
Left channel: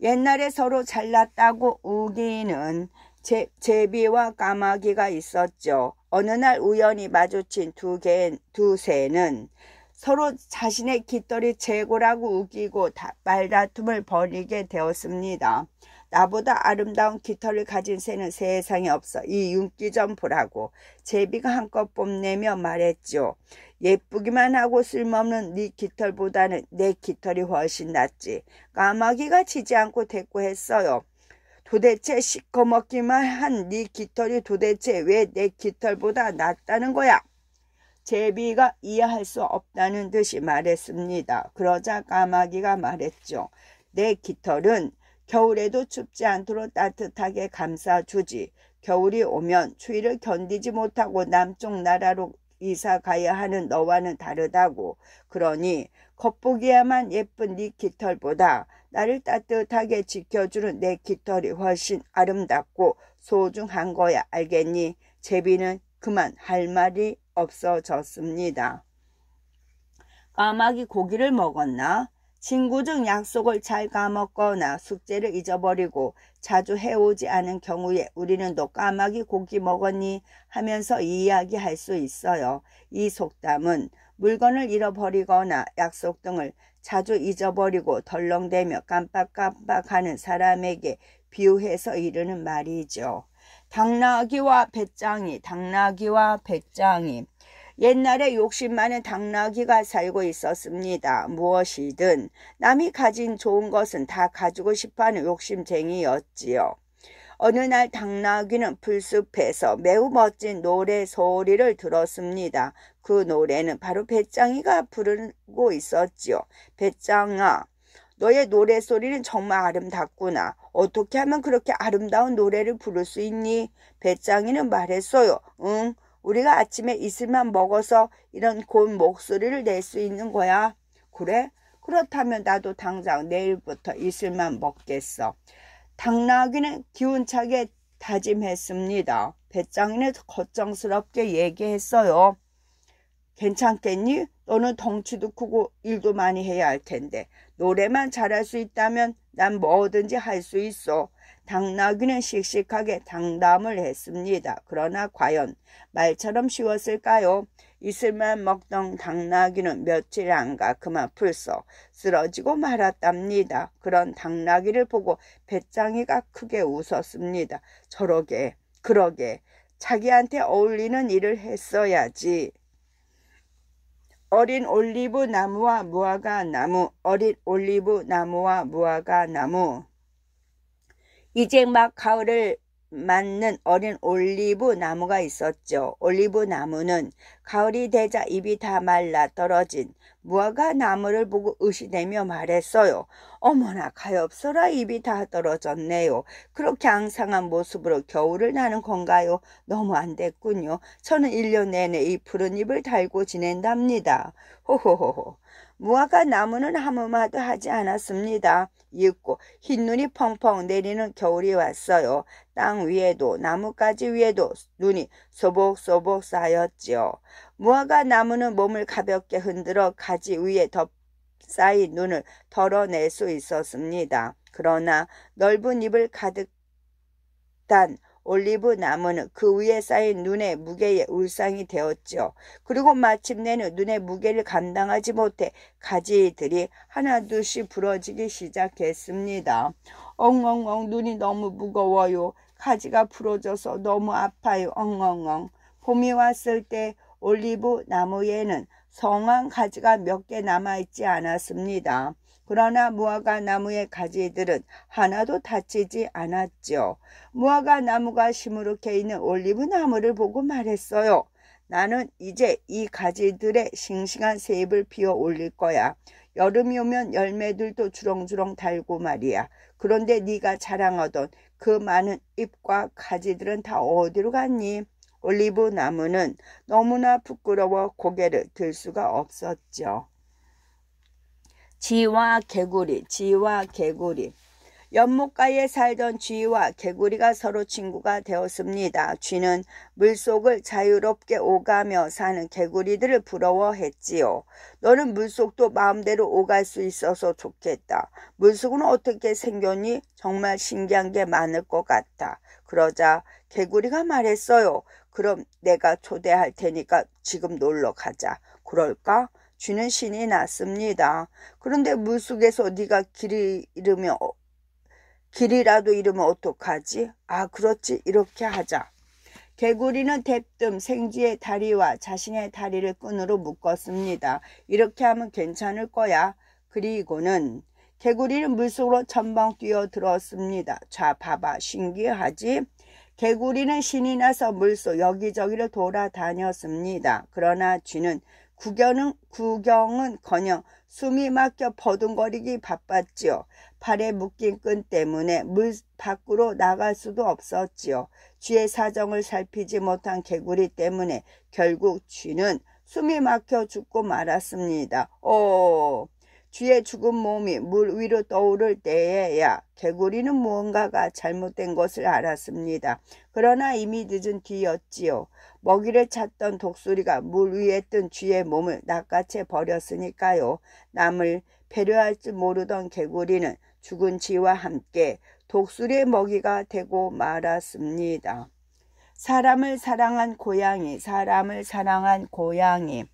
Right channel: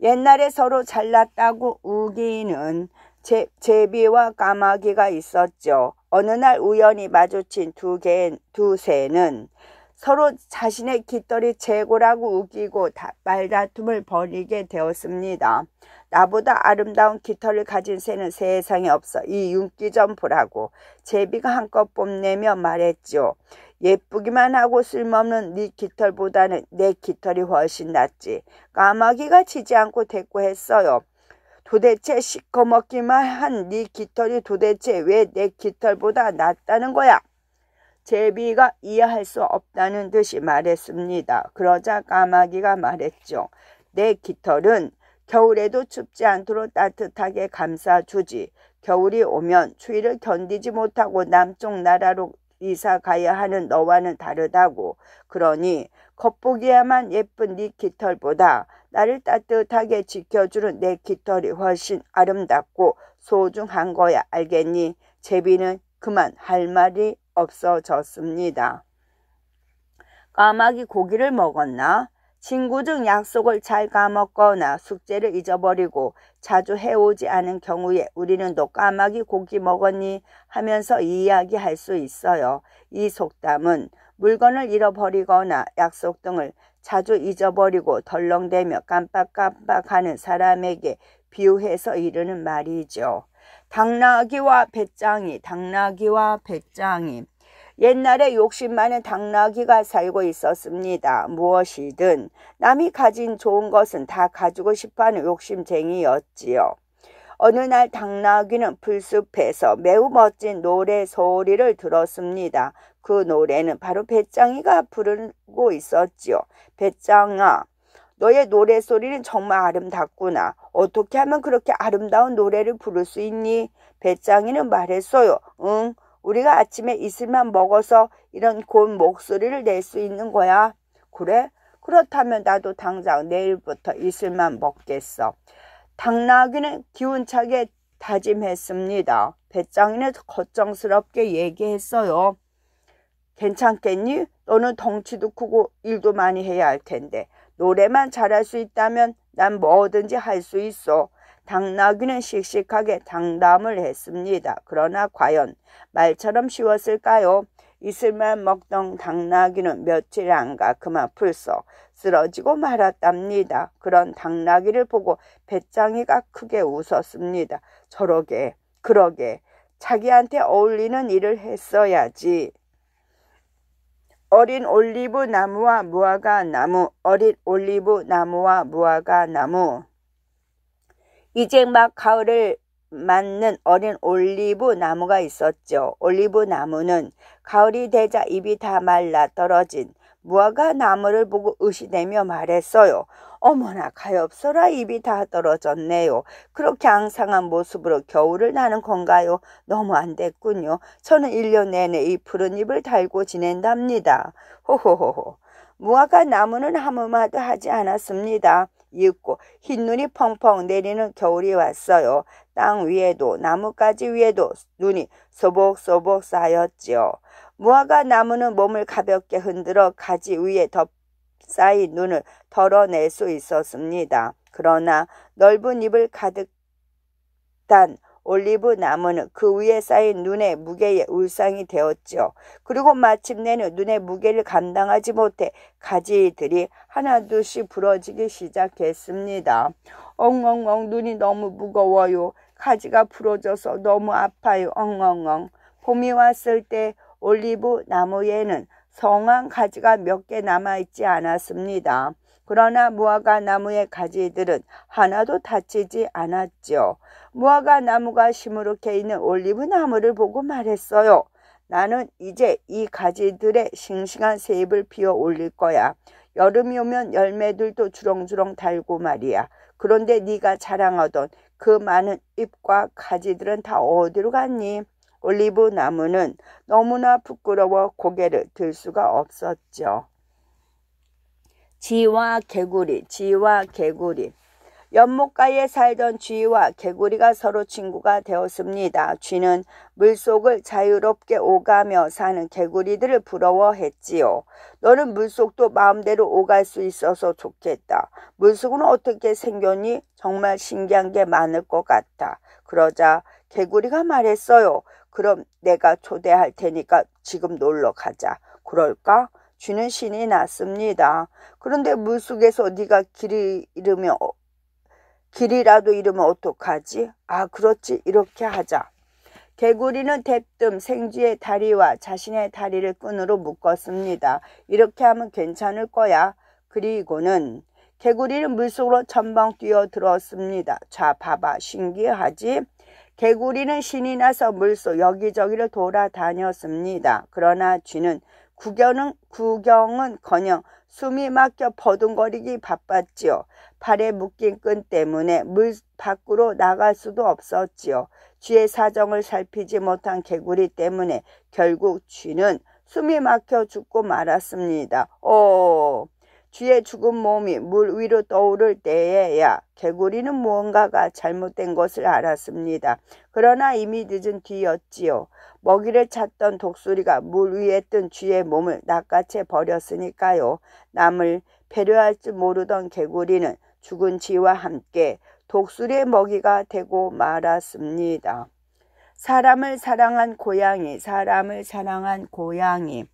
옛날에 서로 잘났다고 우기는 제비와 까마귀가 있었죠. 어느 날 우연히 마주친 두 새는 서로 자신의 깃털이 최고라고 우기고 말다툼을 벌이게 되었습니다. 나보다 아름다운 깃털을 가진 새는 세상에 없어. 이 윤기 좀 보라고 제비가 한껏 뽐내며 말했죠. 예쁘기만 하고 쓸모없는 네 깃털보다는 내 깃털이 훨씬 낫지. 까마귀가 지지 않고 대꾸했어요. 도대체 시커멓기만 한 네 깃털이 도대체 왜 내 깃털보다 낫다는 거야? 제비가 이해할 수 없다는 듯이 말했습니다. 그러자 까마귀가 말했죠. 내 깃털은 겨울에도 춥지 않도록 따뜻하게 감싸주지. 겨울이 오면 추위를 견디지 못하고 남쪽 나라로 이사 가야 하는 너와는 다르다고. 그러니 겉보기에만 예쁜 네 깃털보다 나를 따뜻하게 지켜주는 내 깃털이 훨씬 아름답고 소중한 거야. 알겠니? 제비는 그만 할 말이 없어졌습니다. 까마귀 고기를 먹었나? 친구 중 약속을 잘 까먹거나 숙제를 잊어버리고 자주 해오지 않은 경우에 우리는 너 까마귀 고기 먹었니? 하면서 이야기할 수 있어요. 이 속담은 물건을 잃어버리거나 약속 등을 자주 잊어버리고 덜렁대며 깜빡깜빡하는 사람에게 비유해서 이르는 말이죠. 당나귀와 배짱이, 당나귀와 배짱이. 옛날에 욕심 많은 당나귀가 살고 있었습니다. 무엇이든 남이 가진 좋은 것은 다 가지고 싶어하는 욕심쟁이였지요. 어느 날 당나귀는 풀숲에서 매우 멋진 노래 소리를 들었습니다. 그 노래는 바로 배짱이가 부르고 있었지요. 배짱아, 너의 노래소리는 정말 아름답구나. 어떻게 하면 그렇게 아름다운 노래를 부를 수 있니? 배짱이는 말했어요. 응, 우리가 아침에 이슬만 먹어서 이런 고운 목소리를 낼 수 있는 거야. 그래? 그렇다면 나도 당장 내일부터 이슬만 먹겠어. 당나귀는 기운차게 다짐했습니다. 배짱이는 걱정스럽게 얘기했어요. 괜찮겠니? 너는 덩치도 크고 일도 많이 해야 할 텐데 노래만 잘할 수 있다면 난 뭐든지 할 수 있어. 당나귀는 씩씩하게 장담을 했습니다. 그러나 과연 말처럼 쉬웠을까요? 이슬만 먹던 당나귀는 며칠 안 가 그만 풀썩 쓰러지고 말았답니다. 그런 당나귀를 보고 배짱이가 크게 웃었습니다. 저러게, 그러게, 자기한테 어울리는 일을 했어야지. 어린 올리브 나무와 무화과 나무, 어린 올리브 나무와 무화과 나무. 이제 막 가을을 맞는 어린 올리브 나무가 있었죠. 올리브 나무는 가을이 되자 잎이 다 말라 떨어진 무화과 나무를 보고 의시되며 말했어요. 어머나 가엾어라, 잎이 다 떨어졌네요. 그렇게 앙상한 모습으로 겨울을 나는 건가요? 너무 안 됐군요. 저는 1년 내내 이 푸른 잎을 달고 지낸답니다. 호호호호. 무화과 나무는 아무 말도 하지 않았습니다. 이윽고 흰눈이 펑펑 내리는 겨울이 왔어요. 땅 위에도 나뭇가지 위에도 눈이 소복소복 쌓였지요. 무화과 나무는 몸을 가볍게 흔들어 가지 위에 쌓인 눈을 덜어낼 수 있었습니다. 그러나 넓은 잎을 가득 단 올리브 나무는 그 위에 쌓인 눈의 무게에 울상이 되었죠. 그리고 마침내는 눈의 무게를 감당하지 못해 가지들이 하나둘씩 부러지기 시작했습니다. 엉엉엉, 눈이 너무 무거워요. 가지가 부러져서 너무 아파요. 엉엉엉. 봄이 왔을 때 올리브 나무에는 성한 가지가 몇 개 남아있지 않았습니다. 그러나 무화과 나무의 가지들은 하나도 다치지 않았죠. 무화과 나무가 시무룩해 있는 올리브 나무를 보고 말했어요. 나는 이제 이 가지들의 싱싱한 새 잎을 피워 올릴 거야. 여름이 오면 열매들도 주렁주렁 달고 말이야. 그런데 네가 자랑하던 그 많은 잎과 가지들은 다 어디로 갔니? 올리브 나무는 너무나 부끄러워 고개를 들 수가 없었죠. 쥐와 개구리, 쥐와 개구리. 연못가에 살던 쥐와 개구리가 서로 친구가 되었습니다. 쥐는 물속을 자유롭게 오가며 사는 개구리들을 부러워했지요. 너는 물속도 마음대로 오갈 수 있어서 좋겠다. 물속은 어떻게 생겼니? 정말 신기한 게 많을 것 같다. 그러자 개구리가 말했어요. 그럼 내가 초대할 테니까 지금 놀러 가자. 그럴까? 쥐는 신이 났습니다. 그런데 물속에서 네가 길이라도 잃으면 어떡하지? 아, 그렇지. 이렇게 하자. 개구리는 대뜸 생쥐의 다리와 자신의 다리를 끈으로 묶었습니다. 이렇게 하면 괜찮을 거야. 그리고는 개구리는 물속으로 첨벙 뛰어들었습니다. 자, 봐봐. 신기하지? 개구리는 신이 나서 물속 여기저기를 돌아다녔습니다. 그러나 쥐는 구경은커녕 숨이 막혀 버둥거리기 바빴지요. 팔에 묶인 끈 때문에 물 밖으로 나갈 수도 없었지요. 쥐의 사정을 살피지 못한 개구리 때문에 결국 쥐는 숨이 막혀 죽고 말았습니다. 쥐의 죽은 몸이 물 위로 떠오를 때에야 개구리는 무언가가 잘못된 것을 알았습니다. 그러나 이미 늦은 뒤였지요. 먹이를 찾던 독수리가 물 위에 뜬 쥐의 몸을 낚아채 버렸으니까요. 남을 배려할 줄 모르던 개구리는 죽은 쥐와 함께 독수리의 먹이가 되고 말았습니다. 사람을 사랑한 고양이, 사람을 사랑한 고양이.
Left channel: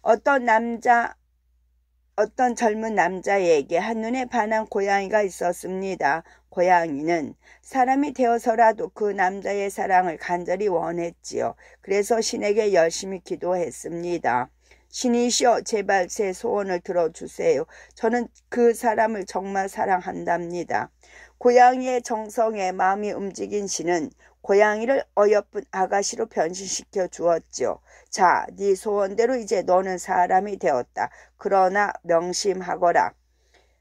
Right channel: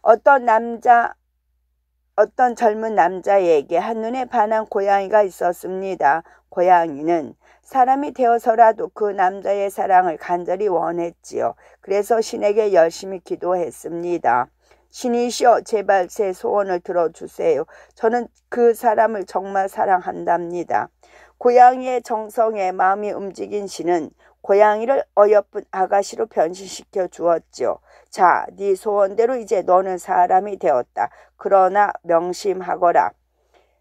어떤 젊은 남자에게 한눈에 반한 고양이가 있었습니다. 고양이는 사람이 되어서라도 그 남자의 사랑을 간절히 원했지요. 그래서 신에게 열심히 기도했습니다. 신이시여, 제발 제 소원을 들어주세요. 저는 그 사람을 정말 사랑한답니다. 고양이의 정성에 마음이 움직인 신은 고양이를 어여쁜 아가씨로 변신시켜 주었지요. 자, 네 소원대로 이제 너는 사람이 되었다.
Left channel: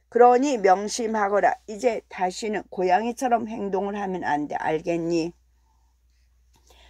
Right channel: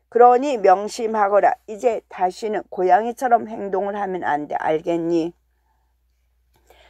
그러니 명심하거라. 이제 다시는 고양이처럼 행동을 하면 안 돼. 알겠니?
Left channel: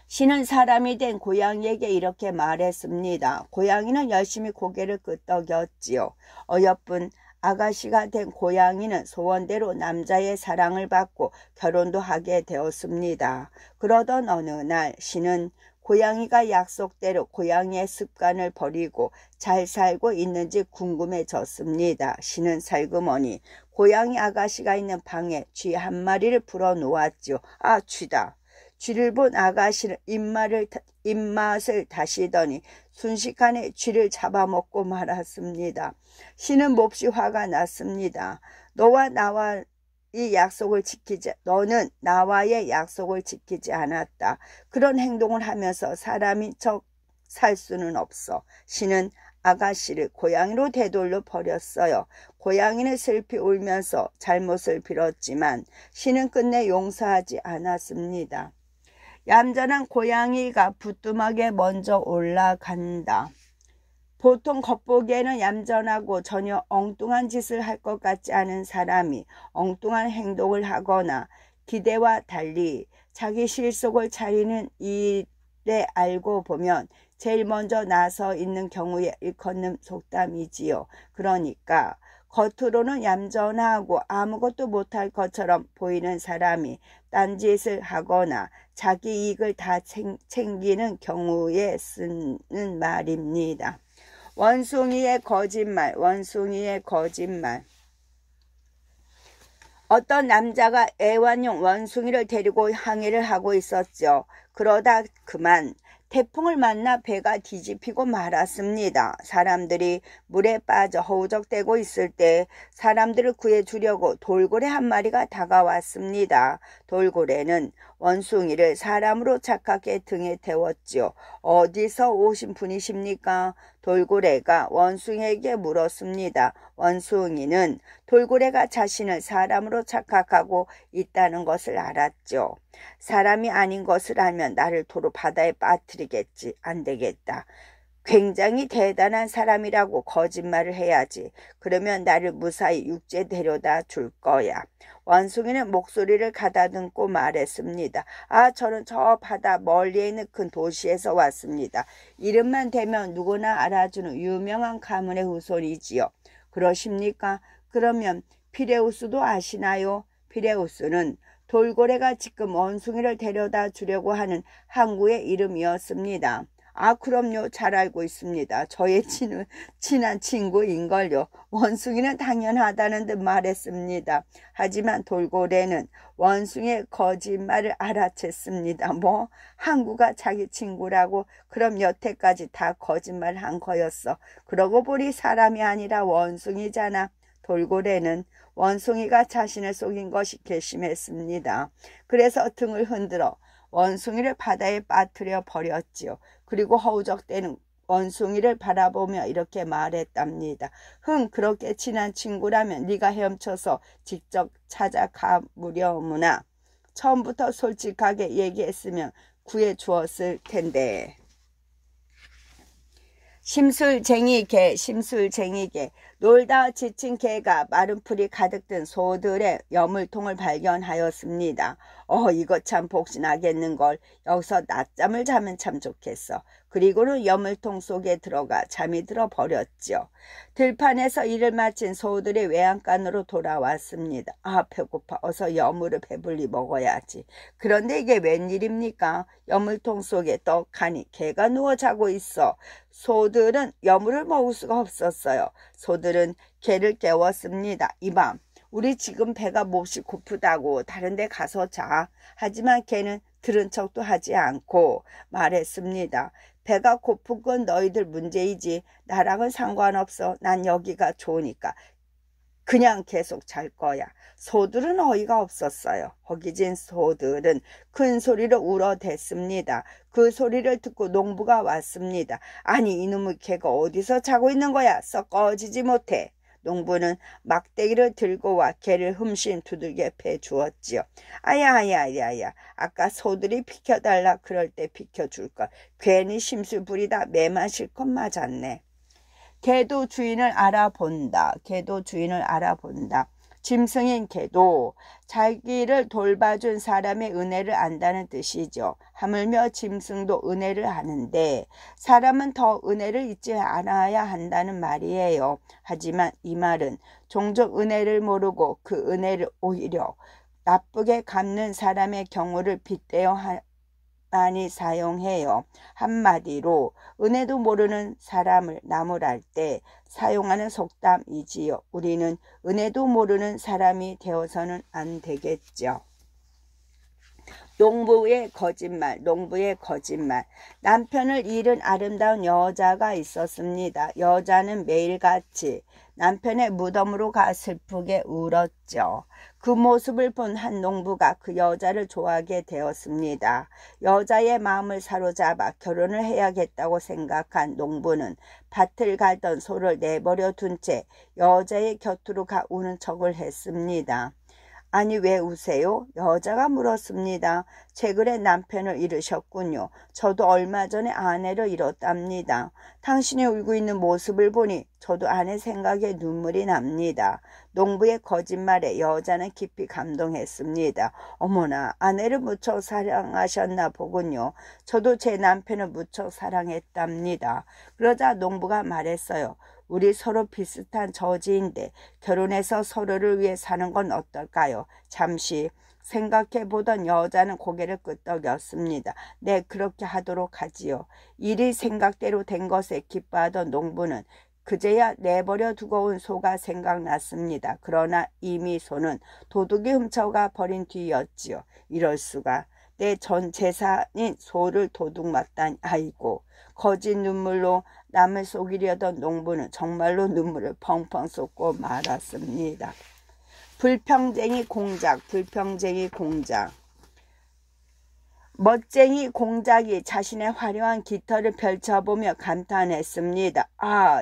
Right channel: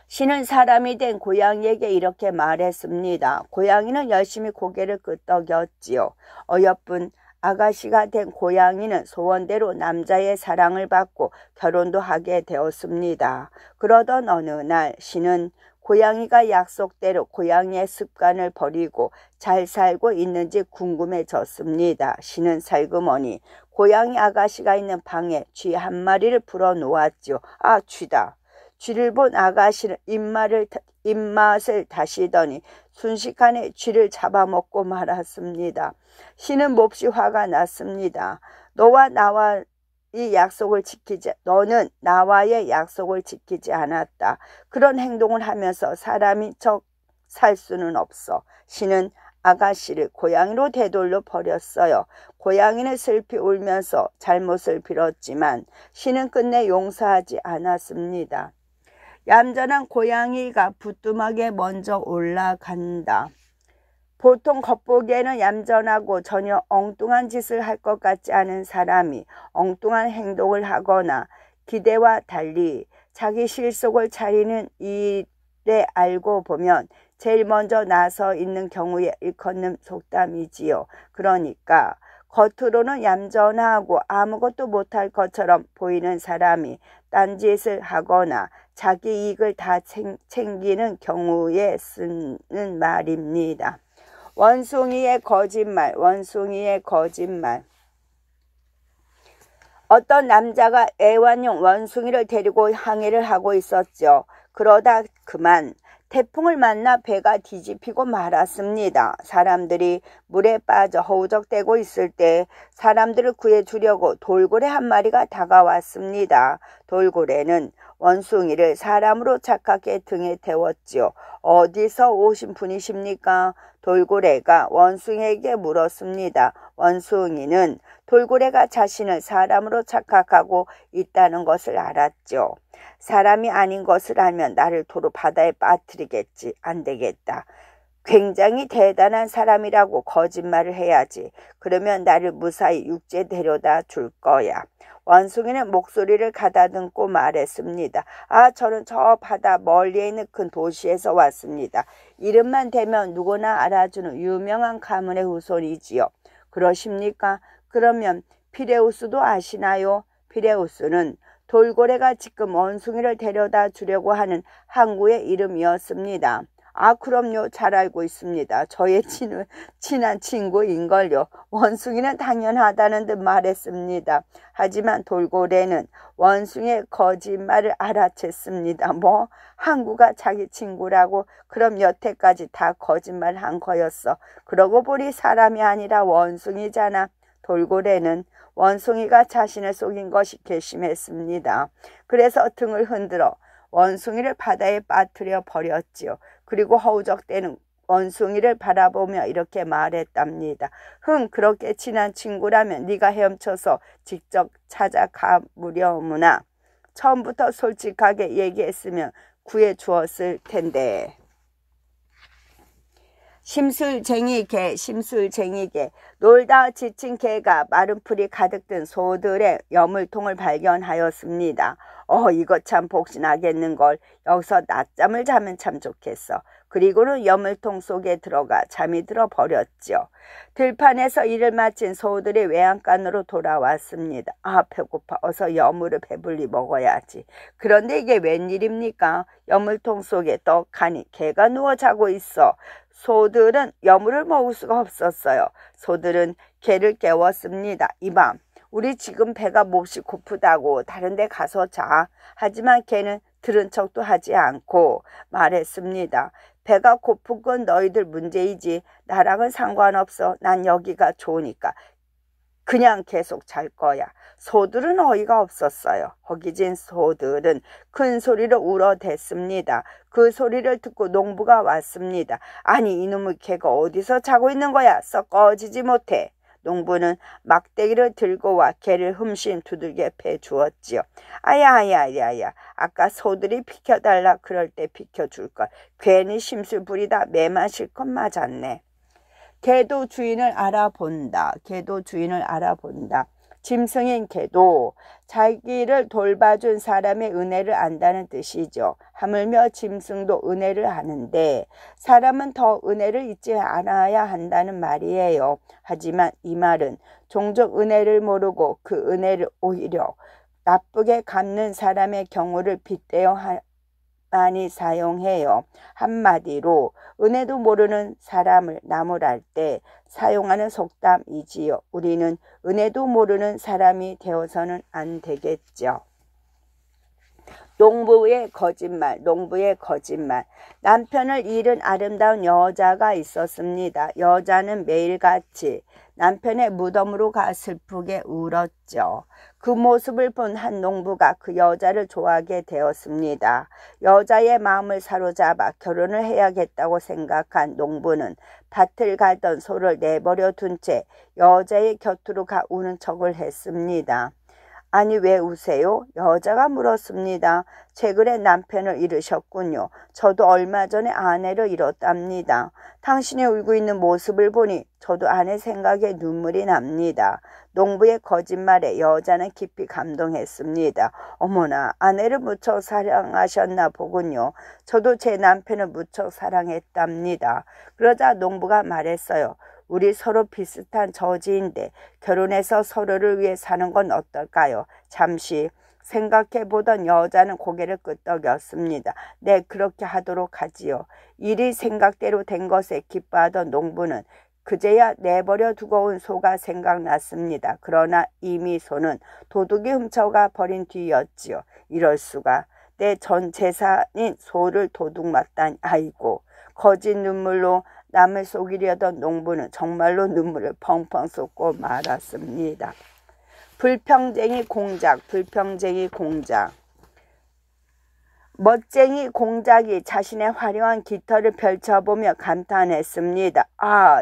신은 사람이 된 고양이에게 이렇게 말했습니다. 고양이는 열심히 고개를 끄덕였지요. 어여쁜 아가씨가 된 고양이는 소원대로 남자의 사랑을 받고 결혼도 하게 되었습니다. 그러던 어느 날 신은 고양이가 약속대로 고양이의 습관을 버리고 잘 살고 있는지 궁금해졌습니다. 신은 살그머니 고양이 아가씨가 있는 방에 쥐 한 마리를 풀어놓았죠. 아, 쥐다. 쥐를 본 아가씨는 입맛을 다시더니 순식간에 쥐를 잡아먹고 말았습니다. 신은 몹시 화가 났습니다. 너는 나와의 약속을 지키지 않았다. 그런 행동을 하면서 사람인 척 살 수는 없어. 신은 아가씨를 고양이로 되돌려 버렸어요. 고양이는 슬피 울면서 잘못을 빌었지만 신은 끝내 용서하지 않았습니다. 얌전한 고양이가 부뚜막에 먼저 올라간다. 보통 겉보기에는 얌전하고 전혀 엉뚱한 짓을 할 것 같지 않은 사람이 엉뚱한 행동을 하거나 기대와 달리 자기 실속을 차리는 일에 알고 보면 제일 먼저 나서 있는 경우에 일컫는 속담이지요. 그러니까 겉으로는 얌전하고 아무것도 못할 것처럼 보이는 사람이 딴짓을 하거나 자기 이익을 다 챙기는 경우에 쓰는 말입니다. 원숭이의 거짓말. 어떤 남자가 애완용 원숭이를 데리고 항해를 하고 있었죠. 그러다 그만 태풍을 만나 배가 뒤집히고 말았습니다. 사람들이 물에 빠져 허우적대고 있을 때 사람들을 구해주려고 돌고래 한 마리가 다가왔습니다. 돌고래는 원숭이를 사람으로 착각해 등에 태웠지요. 어디서 오신 분이십니까? 돌고래가 원숭이에게 물었습니다. 원숭이는 돌고래가 자신을 사람으로 착각하고 있다는 것을 알았죠. 사람이 아닌 것을 알면 나를 도로 바다에 빠뜨리겠지. 안 되겠다. 굉장히 대단한 사람이라고 거짓말을 해야지. 그러면 나를 무사히 육지에 데려다 줄 거야. 원숭이는 목소리를 가다듬고 말했습니다. 아, 저는 저 바다 멀리에 있는 큰 도시에서 왔습니다. 이름만 대면 누구나 알아주는 유명한 가문의 후손이지요. 그러십니까? 그러면 피레우스도 아시나요? 피레우스는 돌고래가 지금 원숭이를 데려다 주려고 하는 항구의 이름이었습니다. 아, 그럼요. 잘 알고 있습니다. 저의 친한 친구인걸요. 원숭이는 당연하다는 듯 말했습니다. 하지만 돌고래는 원숭이의 거짓말을 알아챘습니다. 뭐? 항구가 자기 친구라고? 그럼 여태까지 다 거짓말한 거였어. 그러고 보니 사람이 아니라 원숭이잖아. 돌고래는 원숭이가 자신을 속인 것이 괘씸했습니다. 그래서 등을 흔들어 원숭이를 바다에 빠뜨려 버렸지요. 그리고 허우적대는 원숭이를 바라보며 이렇게 말했답니다. 그렇게 친한 친구라면 네가 헤엄쳐서 직접 찾아가무려무나. 처음부터 솔직하게 얘기했으면 구해주었을 텐데. 심술쟁이 개. 놀다 지친 개가 마른 풀이 가득 든 소들의 여물통을 발견하였습니다. 이거 참 복신하겠는걸. 여기서 낮잠을 자면 참 좋겠어. 그리고는 여물통 속에 들어가 잠이 들어 버렸죠. 들판에서 일을 마친 소들이 외양간으로 돌아왔습니다. 배고파. 어서 여물을 배불리 먹어야지. 그런데 이게 웬일입니까? 여물통 속에 떡하니 개가 누워 자고 있어. 소들은 여물을 먹을 수가 없었어요. 소들은 개를 깨웠습니다. 이밤 우리 지금 배가 몹시 고프다고 다른 데 가서 자. 하지만 개는 들은 척도 하지 않고 말했습니다. 배가 고픈 건 너희들 문제이지 나랑은 상관없어. 난 여기가 좋으니까 그냥 계속 잘 거야. 소들은 어이가 없었어요. 허기진 소들은 큰 소리로 울어댔습니다. 그 소리를 듣고 농부가 왔습니다. 아니 이놈의 개가 어디서 자고 있는 거야? 썩 꺼지지 못해. 농부는 막대기를 들고 와 개를 흠씬 두들겨 패주었지요. 아야 아까 소들이 비켜달라 그럴 때 비켜줄걸. 괜히 심술 부리다 매 마실 것 맞았네. 개도 주인을 알아본다. 개도 주인을 알아본다. 짐승인 개도 자기를 돌봐준 사람의 은혜를 안다는 뜻이죠. 하물며 짐승도 은혜를 하는데 사람은 더 은혜를 잊지 않아야 한다는 말이에요. 하지만 이 말은 종종 은혜를 모르고 그 은혜를 오히려 나쁘게 갚는 사람의 경우를 빗대어 많이 사용해요. 한마디로 은혜도 모르는 사람을 나무랄 때 사용하는 속담이지요. 우리는 은혜도 모르는 사람이 되어서는 안 되겠죠. 농부의 거짓말. 남편을 잃은 아름다운 여자가 있었습니다. 여자는 매일같이 남편의 무덤으로 가 슬프게 울었죠. 그 모습을 본 한 농부가 그 여자를 좋아하게 되었습니다. 여자의 마음을 사로잡아 결혼을 해야겠다고 생각한 농부는 밭을 갈던 소를 내버려 둔 채 여자의 곁으로 가 우는 척을 했습니다. 아니 왜 우세요? 여자가 물었습니다. 최근에 남편을 잃으셨군요. 저도 얼마 전에 아내를 잃었답니다. 당신이 울고 있는 모습을 보니 저도 아내 생각에 눈물이 납니다. 농부의 거짓말에 여자는 깊이 감동했습니다. 어머나 아내를 무척 사랑하셨나 보군요. 저도 제 남편을 무척 사랑했답니다. 그러자 농부가 말했어요. 우리 서로 비슷한 처지인데 결혼해서 서로를 위해 사는 건 어떨까요? 잠시 생각해보던 여자는 고개를 끄덕였습니다. 네, 그렇게 하도록 하지요. 일이 생각대로 된 것에 기뻐하던 농부는 그제야 내버려 두고 온 소가 생각났습니다. 그러나 이미 소는 도둑이 훔쳐가 버린 뒤였지요. 이럴 수가. 내 전 재산인 소를 도둑 맞다니. 아이고. 거짓 눈물로 남을 속이려던 농부는 정말로 눈물을 펑펑 쏟고 말았습니다. 불평쟁이 공작. 멋쟁이 공작이 자신의 화려한 깃털을 펼쳐보며 감탄했습니다.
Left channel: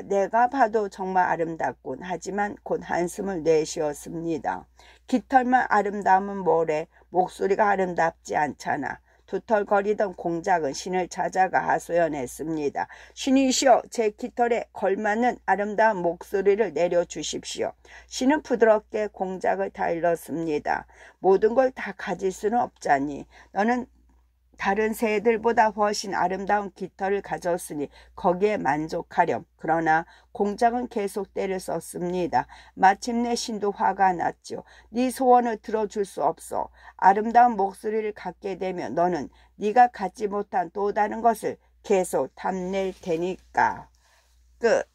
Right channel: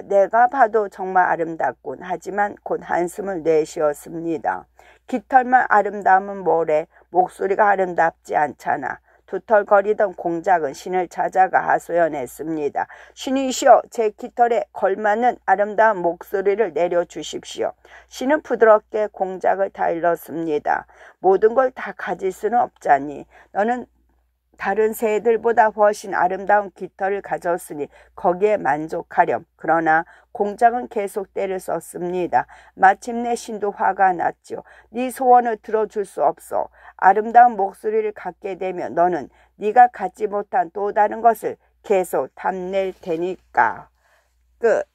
내가 봐도 정말 아름답군. 하지만 곧 한숨을 내쉬었습니다. 깃털만 아름다우면 뭐래. 목소리가 아름답지 않잖아. 두털거리던 공작은 신을 찾아가 하소연했습니다. 신이시여, 제 깃털에 걸맞는 아름다운 목소리를 내려주십시오. 신은 부드럽게 공작을 다일렀습니다. 모든 걸 다 가질 수는 없잖니. 너는 다른 새들보다 훨씬 아름다운 깃털을 가졌으니 거기에 만족하렴. 그러나 공작은 계속 때를 썼습니다. 마침내 신도 화가 났죠. 네 소원을 들어줄 수 없어. 아름다운 목소리를 갖게 되면 너는 네가 갖지 못한 또 다른 것을 계속 탐낼 테니까. 끝.